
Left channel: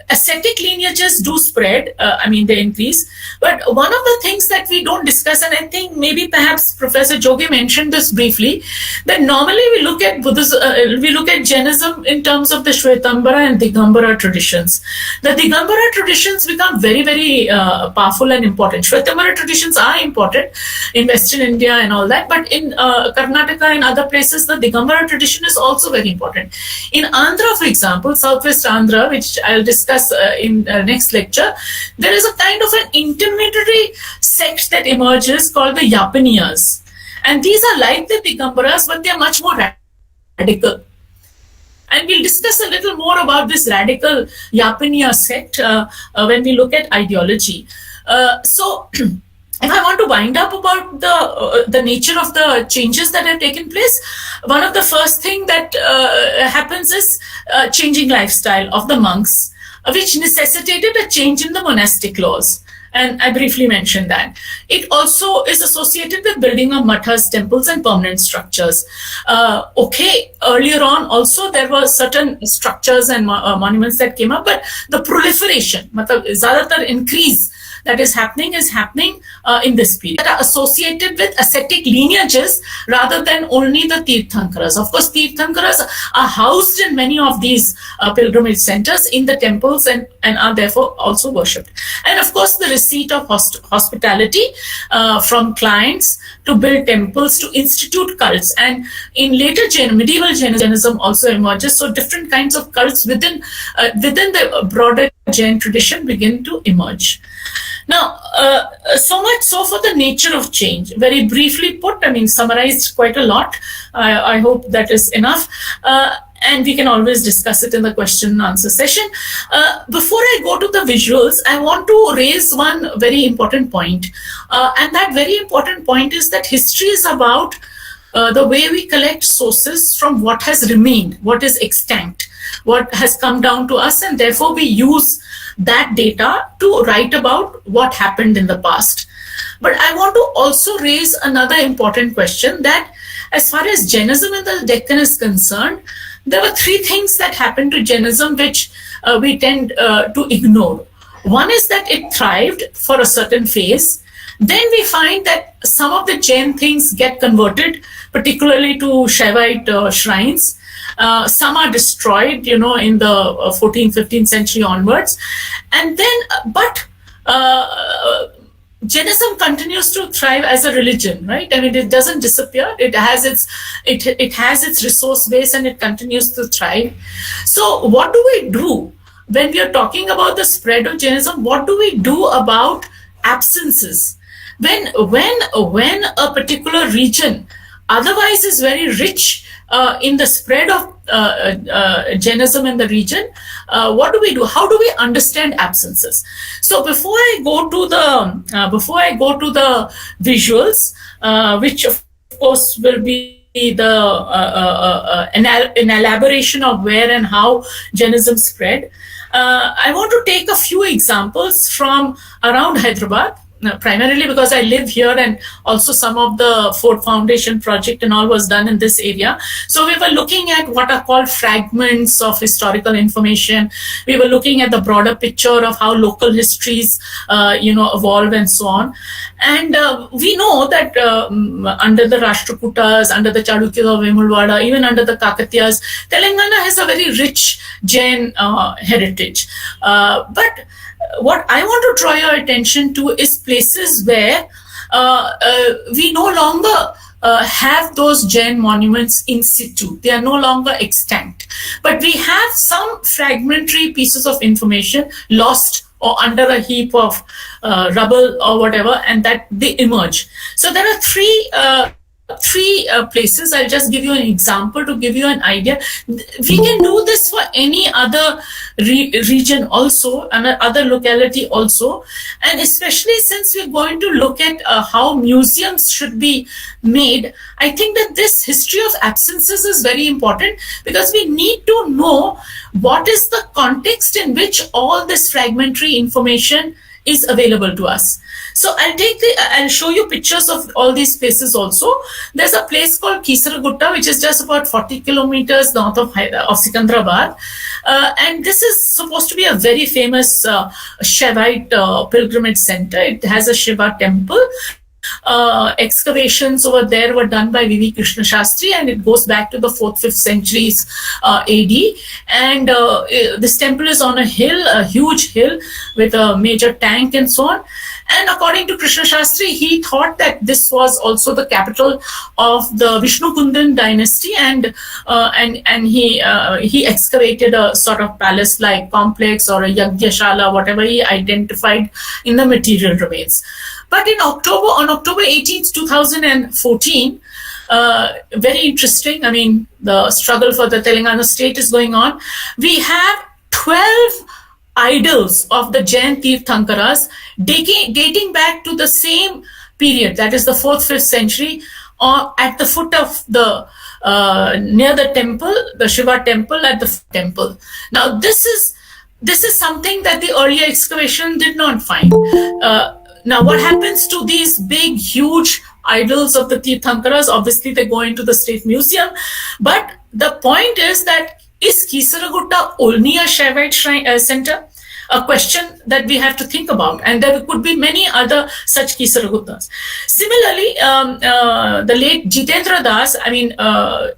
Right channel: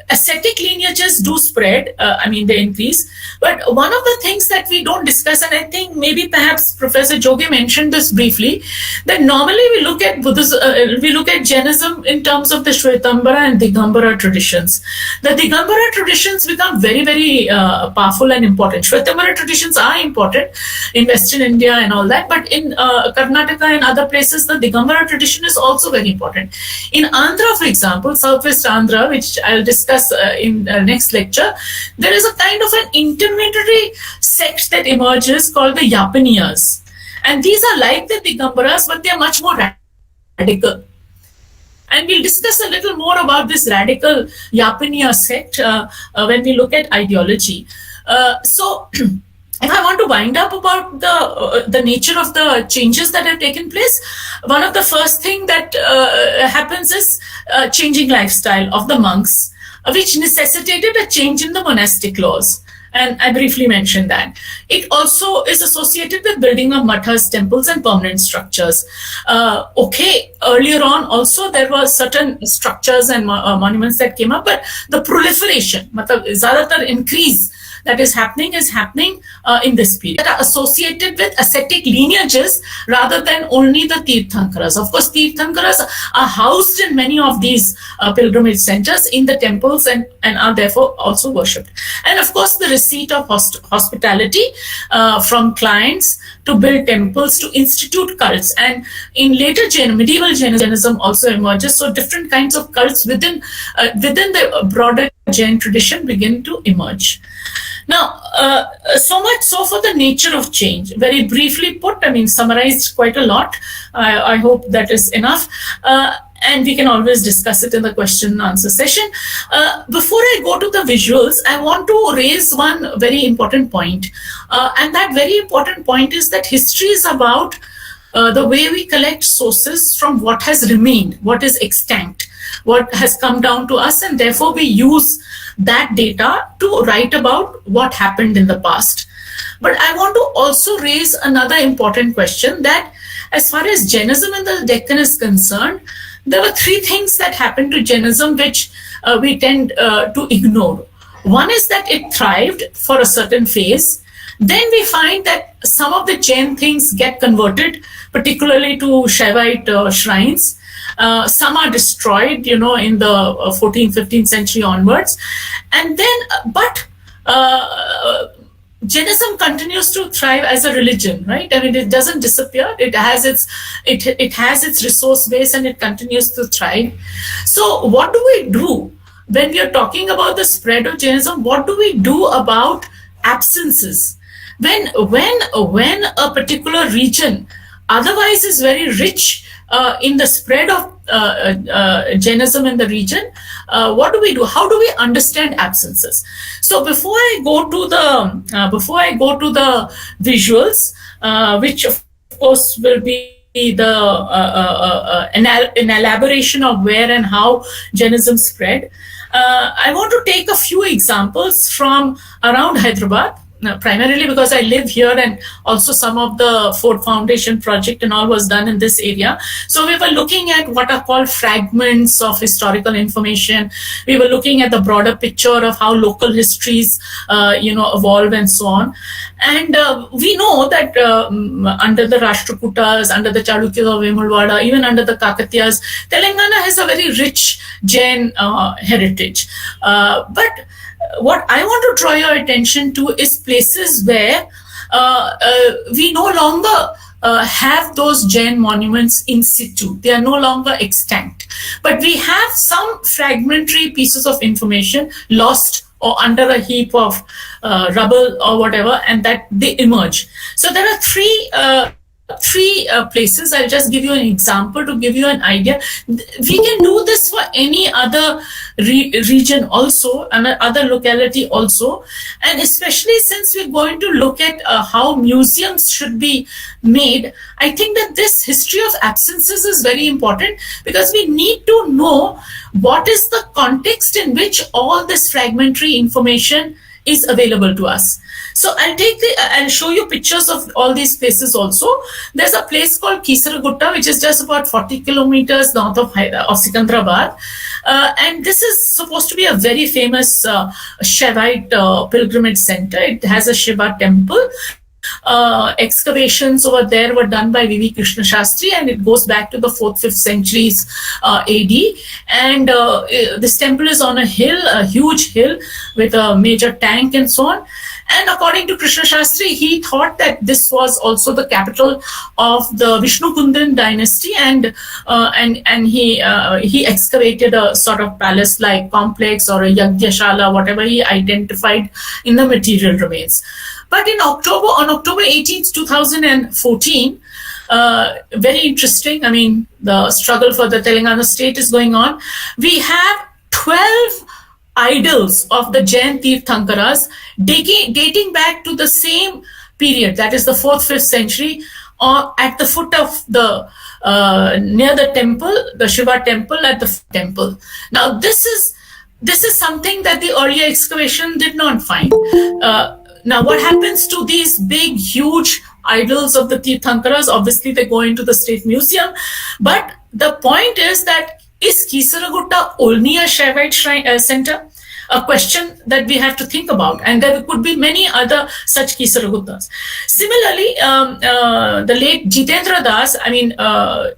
ascetic lineages do spread, they increase. But one of the things that we don't discuss, and I think maybe perhaps Professor Jogi mentioned this briefly, that normally we look at Buddhism, we look at Jainism in terms of the Shvetambara and Digambara traditions. The Digambara traditions become very, very powerful and important. Shvetambara traditions are important in Western India and all that, but in Karnataka and other places, the Digambara tradition is also very important. In Andhra, for example, Southwest Andhra, which I'll discuss in next lecture, there is a kind of an intermediary sect that emerges called the Yapaniyas. And these are like the Digambaras, but they are much more radical. And we'll discuss a little more about this radical Yapaniya sect when we look at ideology. So if I want to wind up about the nature of the changes that have taken place, one of the first thing that happens is changing lifestyle of the monks, which necessitated a change in the monastic laws. And I briefly mentioned that. It also is associated with building of mathas, temples, and permanent structures. Earlier on also there were certain structures and monuments that came up, but the proliferation, ज़्यादातर increase that is happening in this period, that are associated with ascetic lineages rather than only the Tirthankaras. Of course, Tirthankaras are housed in many of these pilgrimage centers in the temples and are therefore also worshipped. And of course, the receipt of hospitality from clients to build temples, to institute cults. And in later medieval Jainism also emerges. So different kinds of cults within the broader Jain tradition begin to emerge. Now, so much so for the nature of change. Very briefly put, I mean, summarized quite a lot. I hope that is enough. And we can always discuss it in the question and answer session. Before I go to the visuals, I want to raise one very important point. And that very important point is that history is about the way we collect sources from what has remained, what is extant, what has come down to us, and therefore we use that data to write about what happened in the past. But I want to also raise another important question, that as far as Jainism in the Deccan is concerned, there were three things that happened to Jainism which we tend to ignore. One is that it thrived for a certain phase. Then we find that some of the Jain things get converted, particularly to Shaivite shrines. Some are destroyed, in the 14th, 15th century onwards. And then, but Jainism continues to thrive as a religion, right? I mean, it doesn't disappear. It has its resource base, and it continues to thrive. So what do we do when we are talking about the spread of Jainism? What do we do about absences? When a particular region otherwise is very rich in the spread of Jainism in the region, what do we do? How do we understand absences? So before I go to the visuals, which of course will be an elaboration of where and how Jainism spread, I want to take a few examples from around Hyderabad. Primarily because I live here, and also some of the Ford Foundation project and all was done in this area. So we were looking at what are called fragments of historical information. We were looking at the broader picture of how local histories, evolve and so on. And we know that under the Rashtrakutas, under the Chalukyas of Vemulwada, even under the Kakatiyas, Telangana has a very rich Jain heritage. But what I want to draw your attention to is places where we no longer have those Jain monuments in situ. They are no longer extant. But we have some fragmentary pieces of information lost or under a heap of rubble or whatever, and that they emerge. So there are three places. I'll just give you an example to give you an idea. We can do this for any other region also, and other locality also, and especially since we're going to look at how museums should be made. I think that this history of absences is very important, because we need to know what is the context in which all this fragmentary information is available to us. So I'll show you pictures of all these places also. There's a place called Kisaragutta, which is just about 40 kilometers north of Secunderabad. And this is supposed to be a very famous Shaivite pilgrimage center. It has a Shiva temple. Excavations over there were done by V.V. Krishna Shastri, and it goes back to the 4th, 5th centuries AD. And this temple is on a hill, a huge hill with a major tank and so on. And according to Krishna Shastri, he thought that this was also the capital of the Vishnukundan dynasty, and he excavated a sort of palace-like complex or a Yagyashala, whatever he identified in the material remains. But on October 18th, 2014, very interesting. I mean, the struggle for the Telangana state is going on. We have 12 idols of the Jain Tirthankaras dating back to the same period, that is the 4th, 5th century, or at the foot of the near the temple, the Shiva temple at the temple. Now this is something that the earlier excavation did not find. Now what happens to these big, huge idols of the Tirthankaras? Obviously they go into the state museum, but the point is that is Kisaragutta only a Shaivite shrine center? A question that we have to think about, and there could be many other such Kisaraguttas. Similarly, the late Jitendra Das,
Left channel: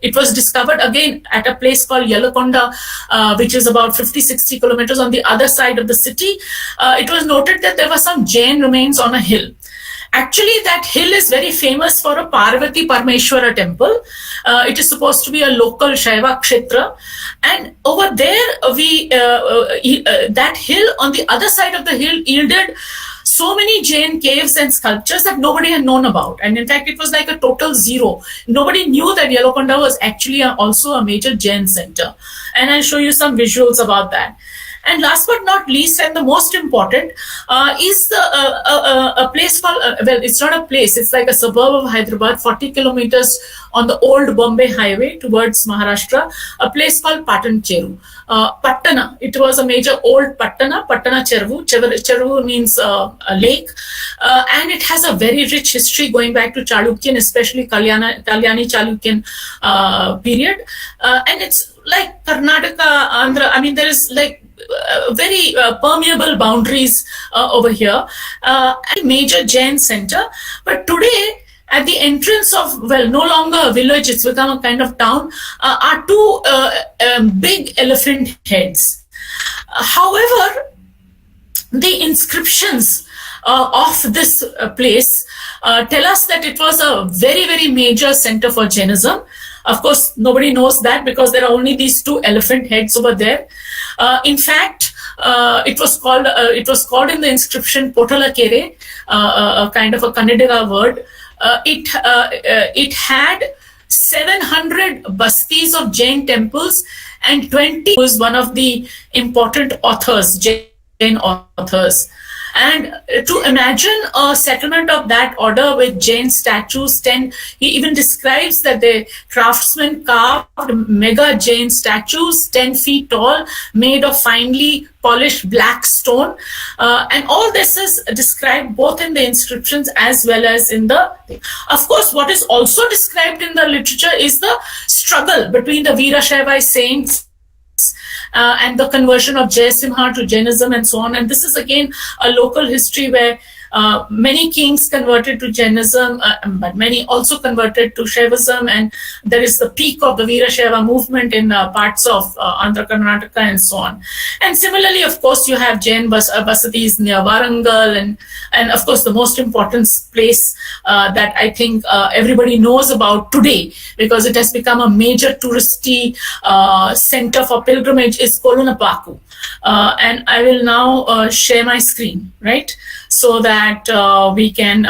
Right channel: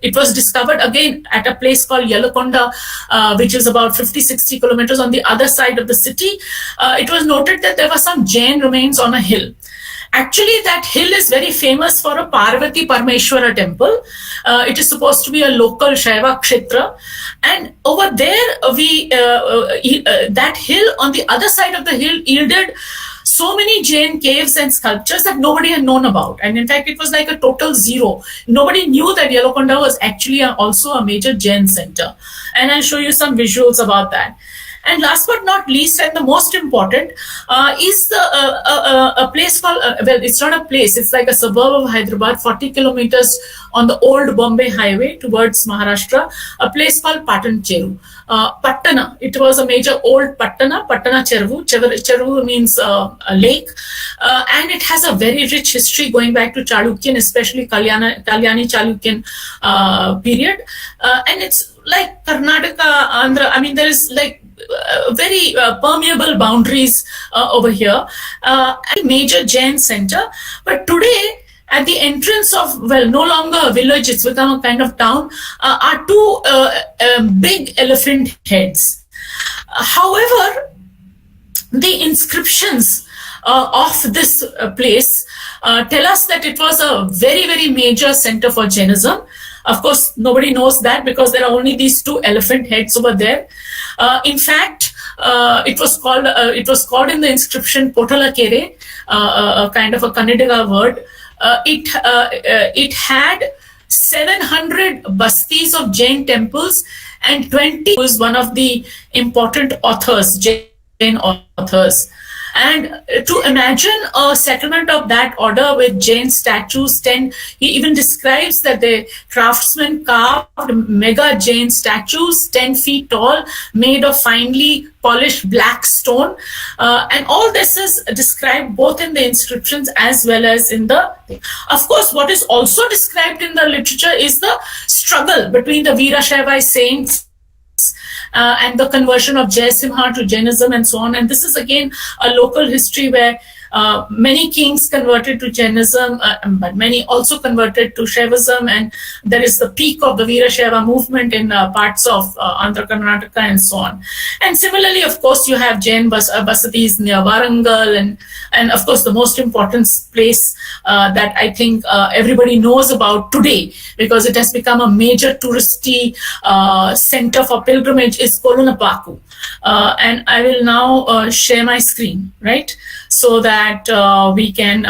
it was discovered again at a place called Yelakonda, which is about 50-60 kilometers on the other side of the city. It was noted that there were some Jain remains on a hill. Actually, that hill is very famous for a Parvati Parmeshwara temple. It is supposed to be a local Shaiva Kshetra. And over there, that hill, on the other side of the hill, yielded so many Jain caves and sculptures that nobody had known about. And in fact, it was like a total zero. Nobody knew that Yelagonda was actually also a major Jain center. And I'll show you some visuals about that. And last but not least, and the most important, is a place called, well, it's not a place, it's like a suburb of Hyderabad, 40 kilometers on the old Bombay highway towards Maharashtra, a place called Patan Cheru. Pattana, it was a major old Pattana Cheru. Cheru means a lake, and it has a very rich history going back to Chalukyan, especially Kalyani Chalukyan period. And it's like Karnataka, Andhra, I mean, there is like very permeable boundaries over here, a major Jain center. But today, at the entrance of, well, no longer a village, it's become a kind of town, are two big elephant heads. However, the inscriptions of this place tell us that it was a very, very major center for Jainism. Of course, nobody knows that because there are only these two elephant heads over there. In fact, it was called in the inscription Potala Kere, a kind of a Kannadiga word. It had 700 bastis of Jain temples, and 20 was one of the important authors, Jain authors. And to imagine a settlement of that order with Jain statues, he even describes that the craftsmen carved mega Jain statues 10 feet tall, made of finely polished black stone. And all this is described both in the inscriptions as well as in the... Of course, what is also described in the literature is the struggle between the Veerashaiva saints and the conversion of Jaisimha to Jainism and so on. And this is again a local history where many kings converted to Jainism, but many also converted to Shaivism, and there is the peak of the Veerashaiva movement in parts of Andhra Karnataka and so on. And similarly, of course, you have Jain basatis near Warangal, and of course the most important place that I think everybody knows about today, because it has become a major touristy center for pilgrimage, is Kolunapaku. And I will now share my screen, right? So that we can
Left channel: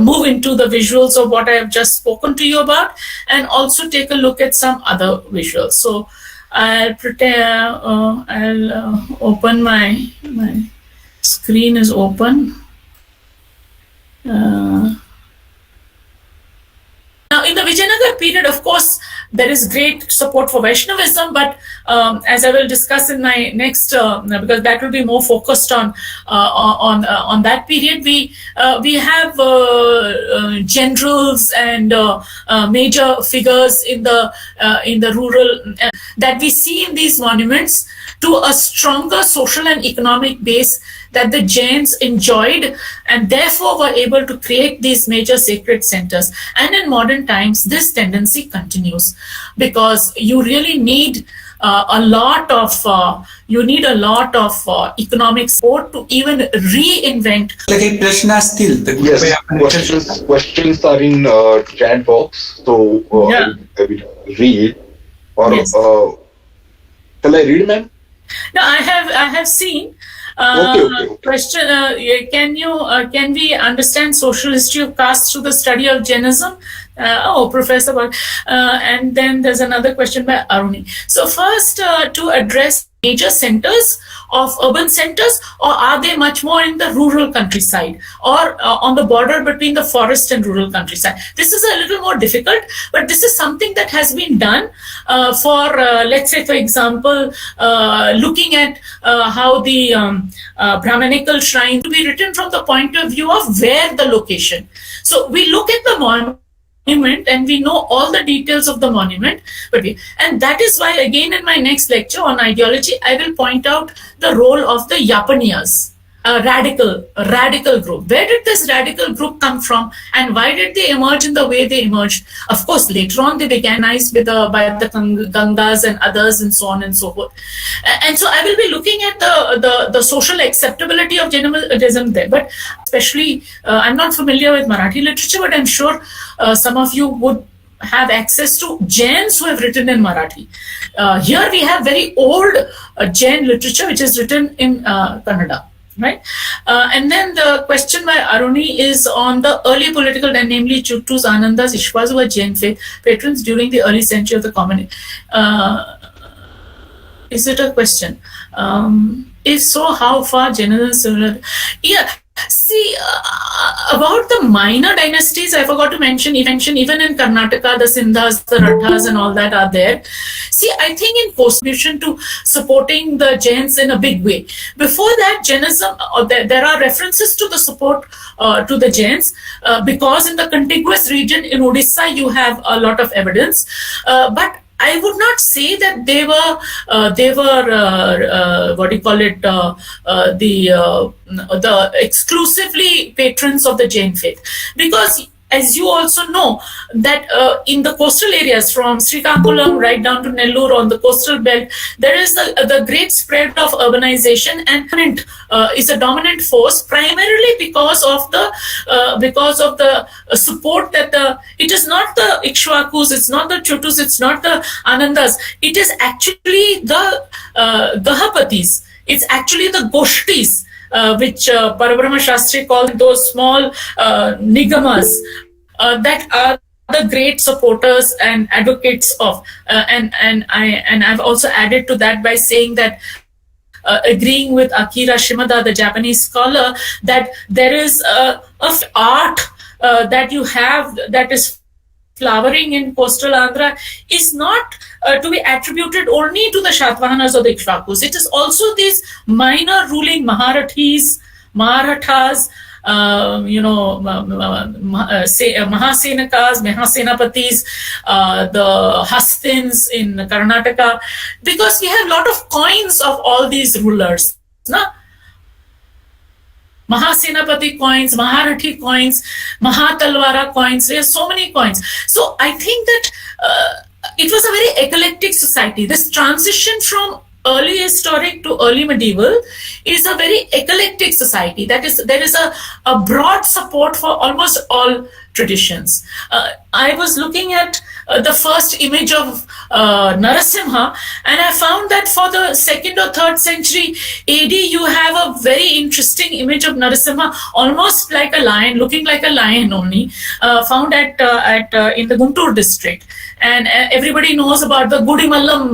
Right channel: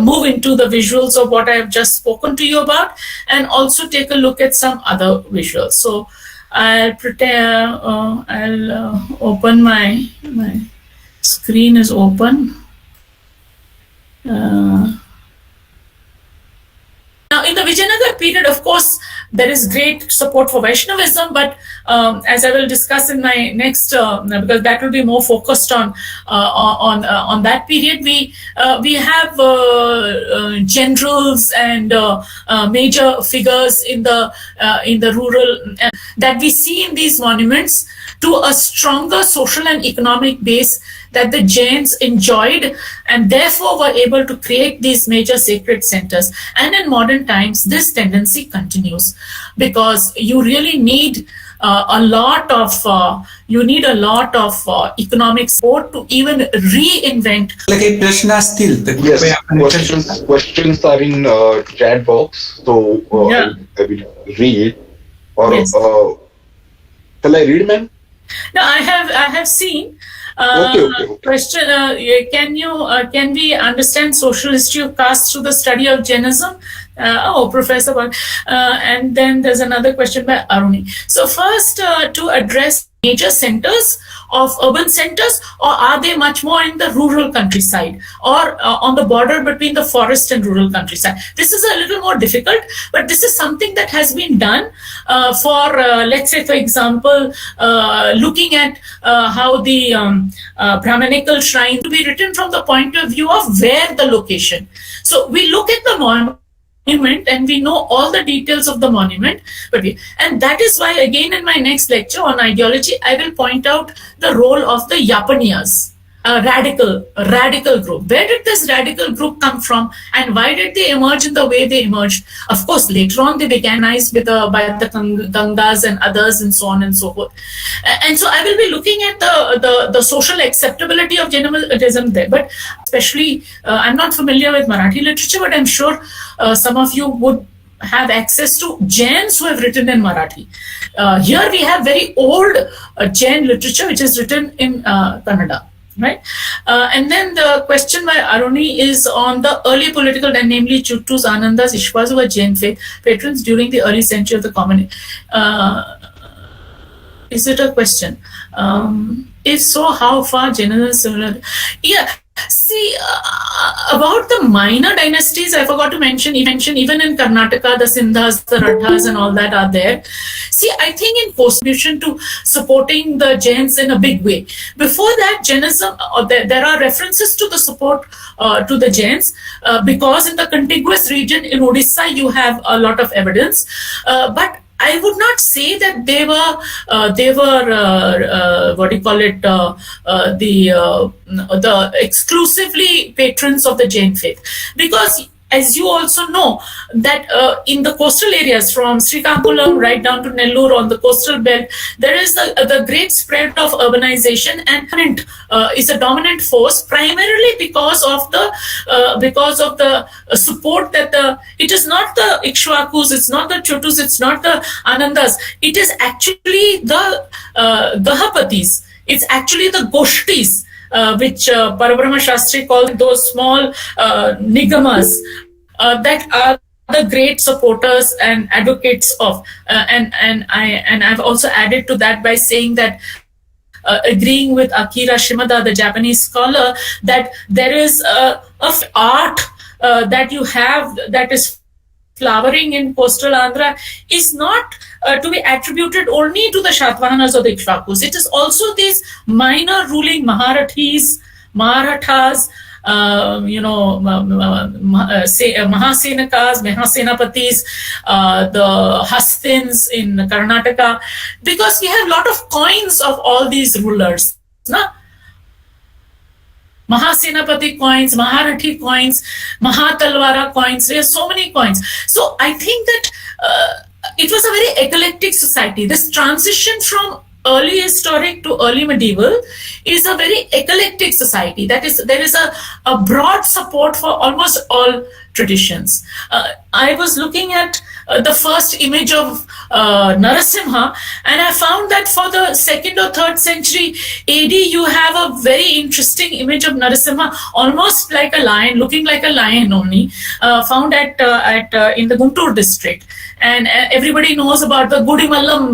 move into the visuals of what I have just spoken to you about, and also take a look at some other visuals. So I'll open my screen is open. Now, in the Vijayanagar period, of course, there is great support for Vaishnavism, but as I will discuss in my next, because that will be more focused on that period, we have generals and major figures in the rural that we see in these monuments to a stronger social and economic base that the Jains enjoyed, and therefore were able to create these major sacred centers. And in modern times, this tendency continues, because you really need a lot of economic support to even reinvent. Yes, questions are in chat box, so I will read. Or yes. Shall I read, ma'am? No, I have seen. Okay. Question: Can we understand social history of caste through the study of Jainism? Professor. And then there's another question by Aruni. So first, to address major centers of urban centers, or are they much more in the rural countryside, or on the border between the forest and rural countryside? This is a little more difficult, but this is something that has been done for, let's say, for example, looking at how the Brahmanical shrine to be written from the point of view of where the location. So we look at the monument and we know all the details of the monument, and that is why, again, in my next lecture on ideology, I will point out the role of the Yapaniyas, a radical group. Where did this radical group come from, and why did they emerge in the way they emerged? Of course, later on they began by the Gangas and others, and so on and so forth. And so I will be looking at the social acceptability of Jainism there. But especially, I'm not familiar with Marathi literature, but I'm sure some of you would have access to Jains who have written in Marathi. Here we have very old Jain literature which is written in Kannada. Right. And then the question by Aruni is on the early political, and namely Chuttus, Anandas, Ishwas, who were Jain faith patrons during the early century of the community. Is it a question? If so, how far Jainism is similar? Yeah. See, about the minor dynasties, I forgot to mention, even in Karnataka, the Sindhas, the Rathas and all that are there. See, I think in contribution to supporting the Jains in a big way. Before that, Jainism, there are references to the support to the Jains because in the contiguous region in Odisha, you have a lot of evidence. But I would not say that they were what do you call it, the exclusively patrons of the Jain faith, because as you also know that in the coastal areas from Srikakulam right down to Nellore on the coastal belt, there is the great spread of urbanization, and is a dominant force primarily because of the support that it is not the Ikshwakus, it's not the Chuttus, it's not the Anandas, it is actually the Gahapatis, it's actually the Goshtis, which Parabrahma Shastri called those small nigamas that are the great supporters and advocates of. And I've also added to that by saying that agreeing with Akira Shimada, the Japanese scholar, that there is a art that you have that is flowering in coastal Andhra is not to be attributed only to the Shatvahanas or the Ikshwakus. It is also these minor ruling Marathas, Mahasenakas, Mahasenapatis, the Hastins in Karnataka, because we have a lot of coins of all these rulers. No? Mahasenapati coins, Maharathi coins, Mahatalwara coins. There are so many coins. So I think that it was a very eclectic society. This transition from early historic to early medieval is a very eclectic society. That is, there is a broad support for almost all traditions. I was looking at the first image of Narasimha, and I found that for the 2nd or 3rd century AD, you have a very interesting image of Narasimha, almost like a lion, looking like a lion only, found at in the Guntur district. And everybody knows about the Gudimallam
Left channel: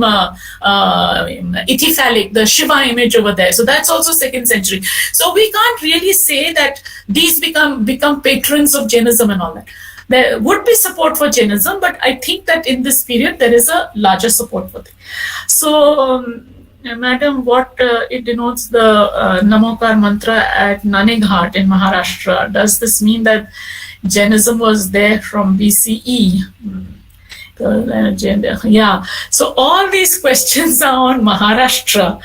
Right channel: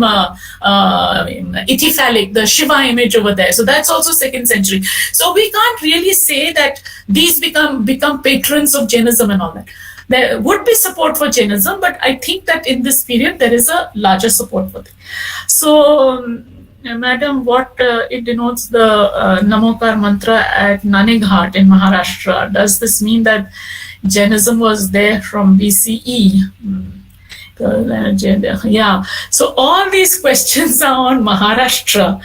Ithiphallic, the Shiva image over there. So that's also 2nd century. So we can't really say that these become patrons of Jainism and all that. There would be support for Jainism, but I think that in this period there is a larger support for it. So, Madam, what it denotes the Namokar mantra at Nanighat in Maharashtra? Does this mean that Jainism was there from BCE? Yeah, so all these questions are on Maharashtra.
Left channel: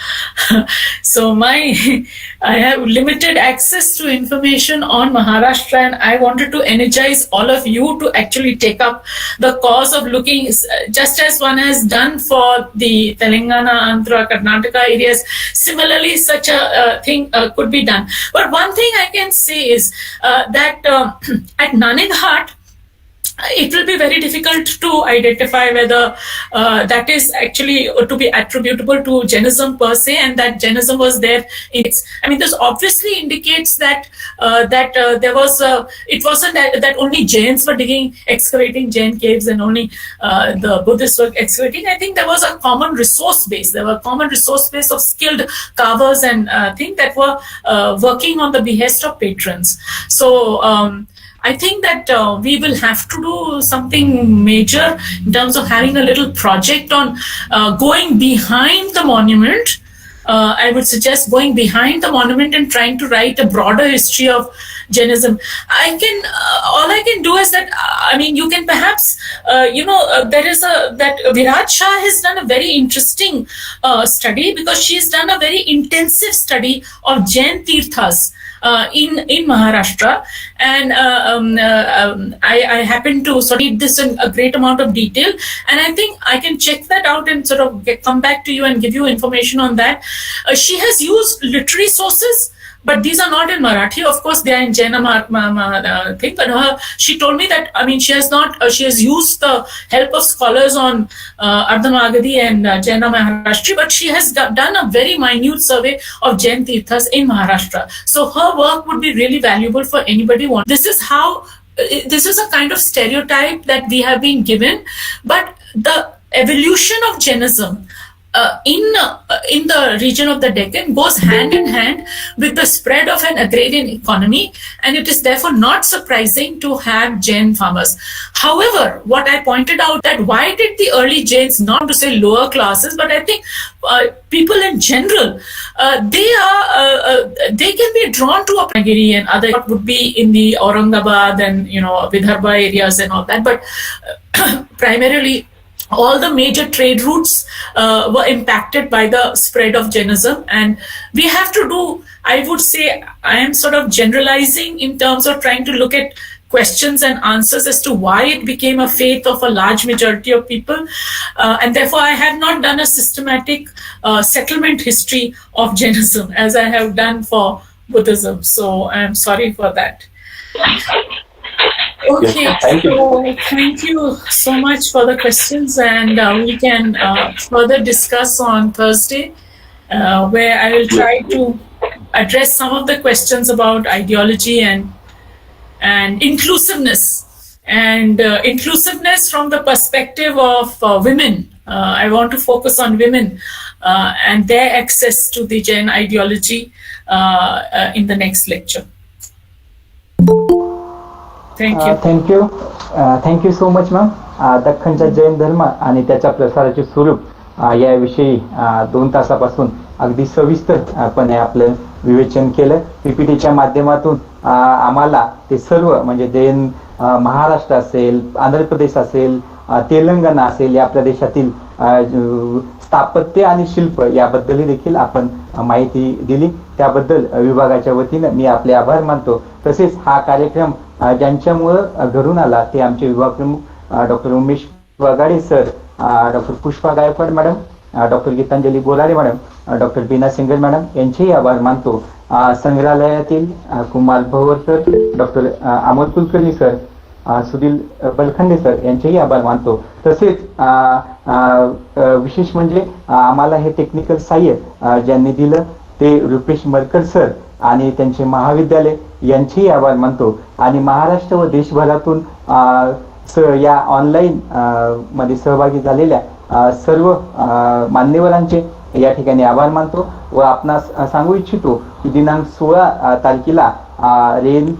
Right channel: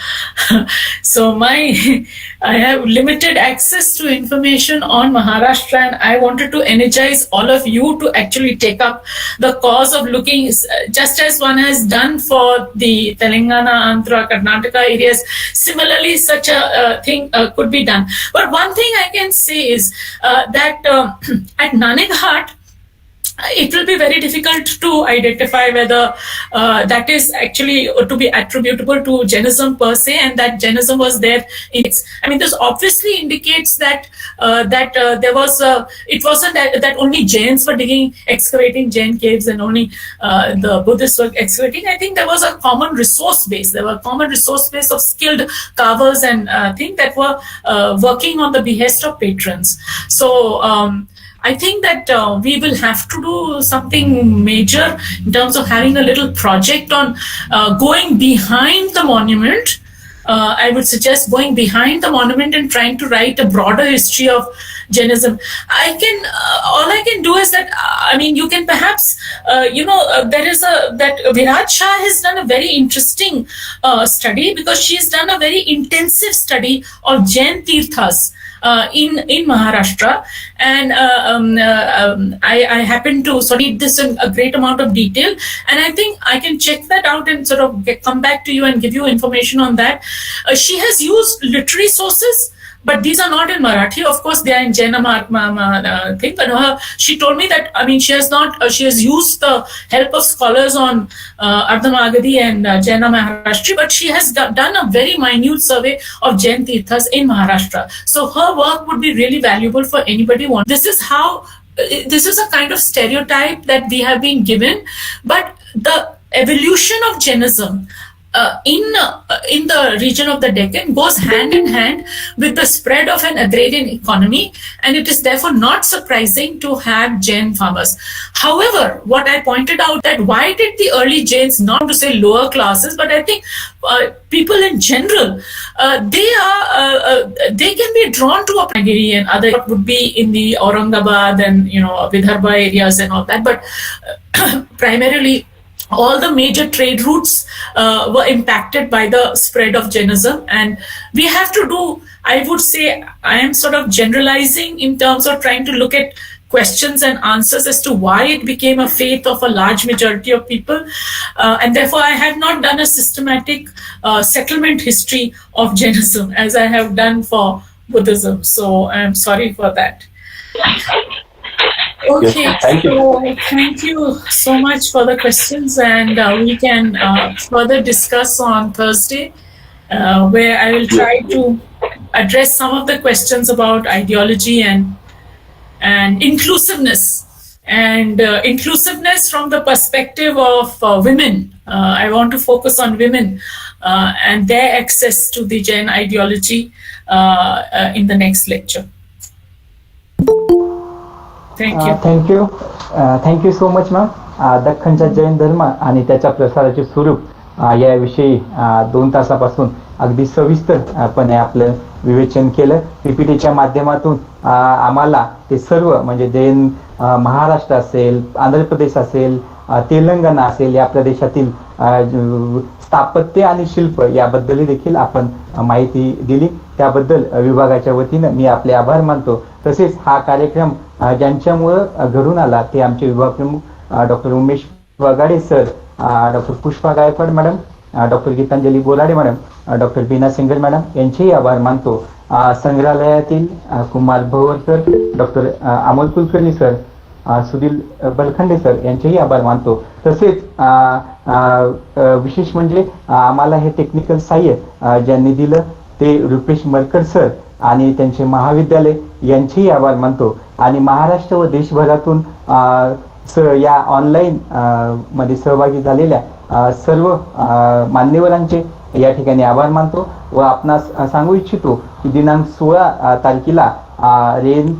So I have limited access to information on Maharashtra, and I wanted to energize all of you to actually take up the cause of looking, just as one has done for the Telangana, Andhra, Karnataka areas. Similarly, such a thing could be done. But one thing I can say is that at Nanighat, it will be very difficult to identify whether that is actually to be attributable to Jainism per se, and that Jainism was there in its. I mean, this obviously indicates that there was it wasn't that only Jains were excavating Jain caves and only the Buddhists were excavating. I think there was a common resource base. There were a common resource base of skilled carvers and things that were working on the behest of patrons. So. I think that we will have to do something major in terms of having a little project on going behind the monument. I would suggest going behind the monument and trying to write a broader history of Jainism. All I can do is that, I mean, you can perhaps, there is that Virat Shah has done a very interesting study, because she has done a very intensive study of Jain Tirthas in Maharashtra, and I happen to sort of read this in a great amount of detail, and I think I can check that out and sort of come back to you and give you information on that. She has used literary sources but these are not in Marathi. Of course, they are in Jaina thing. But she told me that, I mean, she has used the help of scholars on Ardhamagadi and Jaina Maharashtri, but she has done a very minute survey of Jain Tirthas in Maharashtra. So her work would be really valuable for anybody who wants. This is a kind of stereotype that we have been given, but the evolution of Jainism in the region of the Deccan goes hand in hand with the spread of an agrarian economy, and it is therefore not surprising to have Jain farmers. However, what I pointed out, that why did the early Jains, not to say lower classes, but I think people in general, they can be drawn to Apnagiri and other, what would be in the Aurangabad and Vidarbha areas and all that, but primarily all the major trade routes were impacted by the spread of Jainism. And we have to do, I would say, I am sort of generalizing in terms of trying to look at questions and answers as to why it became a faith of a large majority of people. And therefore, I have not done a systematic settlement history of Jainism as I have done for Buddhism. So I'm sorry for that. Okay, yes, thank you. So thank you so much for the questions, and we can further discuss on Thursday, where I will try to address some of the questions about ideology and inclusiveness, and inclusiveness from the perspective of women. I want to focus on women and their access to the Jain ideology in the next lecture. Thank you so much ma'am. दख्खनच्या जैन धर्म आणि त्याच्या प्रसाराचे स्वरूप याविषयी 2 तासापासून अगदी सविस्तरपणे आपलं विवेचन केलं. पीपीटीच्या माध्यमातून आम्हाला ते सर्व म्हणजे जैन महाराष्ट्र असेल, आंध्र प्रदेश असेल, तेलंगणा असेल, या प्रदेशातील स्थापत्य आणि शिल्प याबद्दलही देखील आपण माहिती दिली. त्याबद्दल विभागाच्या वतीनं मी आपले आभार मानतो. तसेच हा कार्यक्रम ज्यांच्यामुळं घडून आला ते आमचे विभाग प्रमुख doctor Umesh Wagade sir, doctor Pushpa Gaikwad madam, doctor Gitanjali Bolade madam, doctor Bina Singer madam यांचेही आभार मानतो. संग्रहालयातील Kumar Bhawar sir, doctor Amol Kulkarni sir, Sudhil Balkhande sir यांचेही आभार मानतो. तसेच विशेष म्हणजे आम्हाला हे टेक्निकल सहाय्य ज्यांनी दिलं ते रुपेश मरकर सर आणि त्यांचे महाविद्यालय यांचेही आभार मानतो. आणि महाराष्ट्र व देशभरातून या ऑनलाईन मध्ये सहभागी झालेल्या सर्व मान्यवरांचे या ठिकाणी आभार मानतो. व आपणास सांगू इच्छितो की दिनांक 16 तारखेला रेन